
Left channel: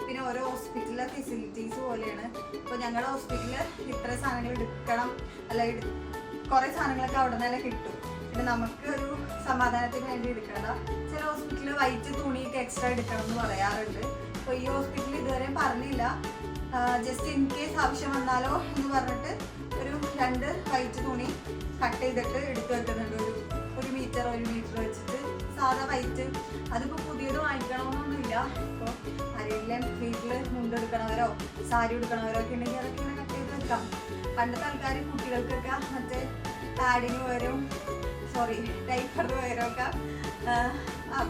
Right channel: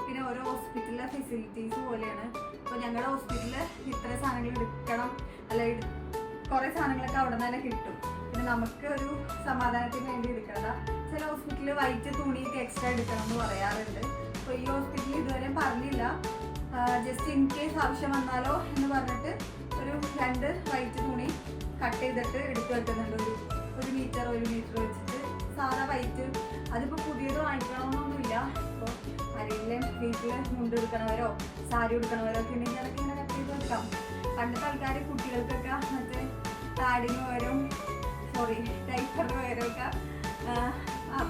പിന്നെ ഓരോ ഹോസ്പിറ്റലിലെ ഫെസിലിറ്റീസ് പോലെയാണ്. ഇപ്പോൾ ഞങ്ങളുടെ ഹോസ്പിറ്റലിൽ ഇത്ര സാധനങ്ങൾ എടുക്കണം, അല്ല കുറേ സാധനങ്ങളൊക്കെ അവിടെ നിന്ന് തന്നെ കിട്ടും. പിന്നെ നമുക്ക് ഒരു സമാധാനത്തിന് വേണ്ടി എടുക്കേണ്ട. ചില ഹോസ്പിറ്റലിൽ വൈറ്റ് തുണിയിട്ട് എക്സ്ട്രാ എടുക്കണം എന്ന് പറയാറുണ്ട്. അപ്പോൾ ഈ ഹോസ്പിറ്റലിൽ ഇതുവരെ പറഞ്ഞില്ല. ജസ്റ്റ് ഇൻ കേസ് ആവശ്യം വന്നാലോ എന്ന് പറഞ്ഞിട്ട് ഒരു 2 വൈറ്റ് തുണി കട്ട് ചെയ്തിട്ട് എടുത്തു വെക്കുന്നുണ്ട്. ഒരു മീറ്റർ വെച്ചിട്ട് സാധാ വൈറ്റ്. അതിപ്പോൾ പുതിയത് വാങ്ങിക്കണമെന്നൊന്നുമില്ല. ഇപ്പോൾ ആരെങ്കിലും വീട്ടിൽ മുണ്ടെടുക്കണവരോ സാരി എടുക്കണവരോ ഒക്കെ ഉണ്ടെങ്കിൽ അതൊക്കെ ഇങ്ങനെ കട്ട് ചെയ്ത് വെക്കാം. പണ്ടത്തെ ആൾക്കാർ കുട്ടികൾക്കൊക്കെ മറ്റേ പാഡിന് പകരം ഡൈപ്പറിന് പകരമൊക്കെ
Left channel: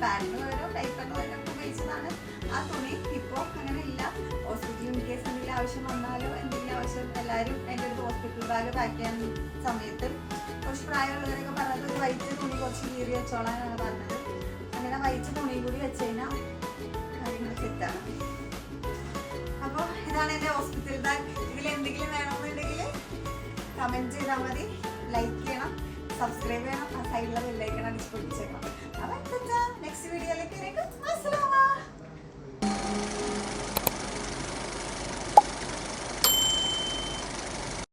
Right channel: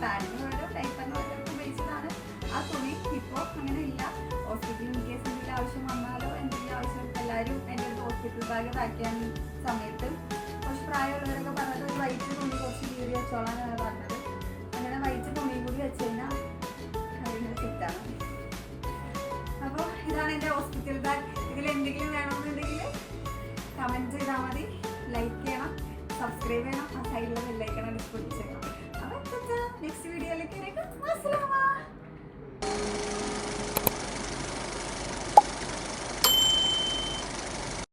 പാഡിന് പകരം ഡൈപ്പറിന് പകരം ഉപയോഗിച്ചതാണ് ആ തുണി. ഇപ്പോൾ അങ്ങനെ ഇല്ല. ഹോസ്പിറ്റലിൽ ഇൻ കേസ് എന്തെങ്കിലും ആവശ്യം വന്നാലോ എന്തെങ്കിലും ആവശ്യം എല്ലാവരും എൻ്റെ അടുത്ത് ഹോസ്പിറ്റൽ ബാഗ് പാക്ക് ചെയ്യാൻ സമയത്ത് കുറച്ച് പ്രായമുള്ളവരൊക്കെ പറഞ്ഞത് ഒരു വൈറ്റ് തുണി കുറച്ച് കീറി വെച്ചോളാനാണ് പറഞ്ഞത്. അങ്ങനെ വൈറ്റ് തുണി കൂടി വെച്ച് കഴിഞ്ഞാൽ കാര്യങ്ങൾ സെറ്റാണ്. അപ്പോൾ ഇതാണ് എൻ്റെ ഹോസ്പിറ്റൽ ബാഗ്. ഇതിൽ എന്തെങ്കിലും വേണമെന്നുണ്ടെങ്കിൽ കമൻറ്റ് ചെയ്താൽ മതി. ലൈക്ക് ചെയ്യണം, സബ്സ്ക്രൈബ് ചെയ്യണം, ആ സൈഡിലെ ബെല്ലൈക്കൺ അത് പൊട്ടിച്ചേക്കണം. അപ്പോൾ നെക്സ്റ്റ് വീഡിയോയിലേക്ക്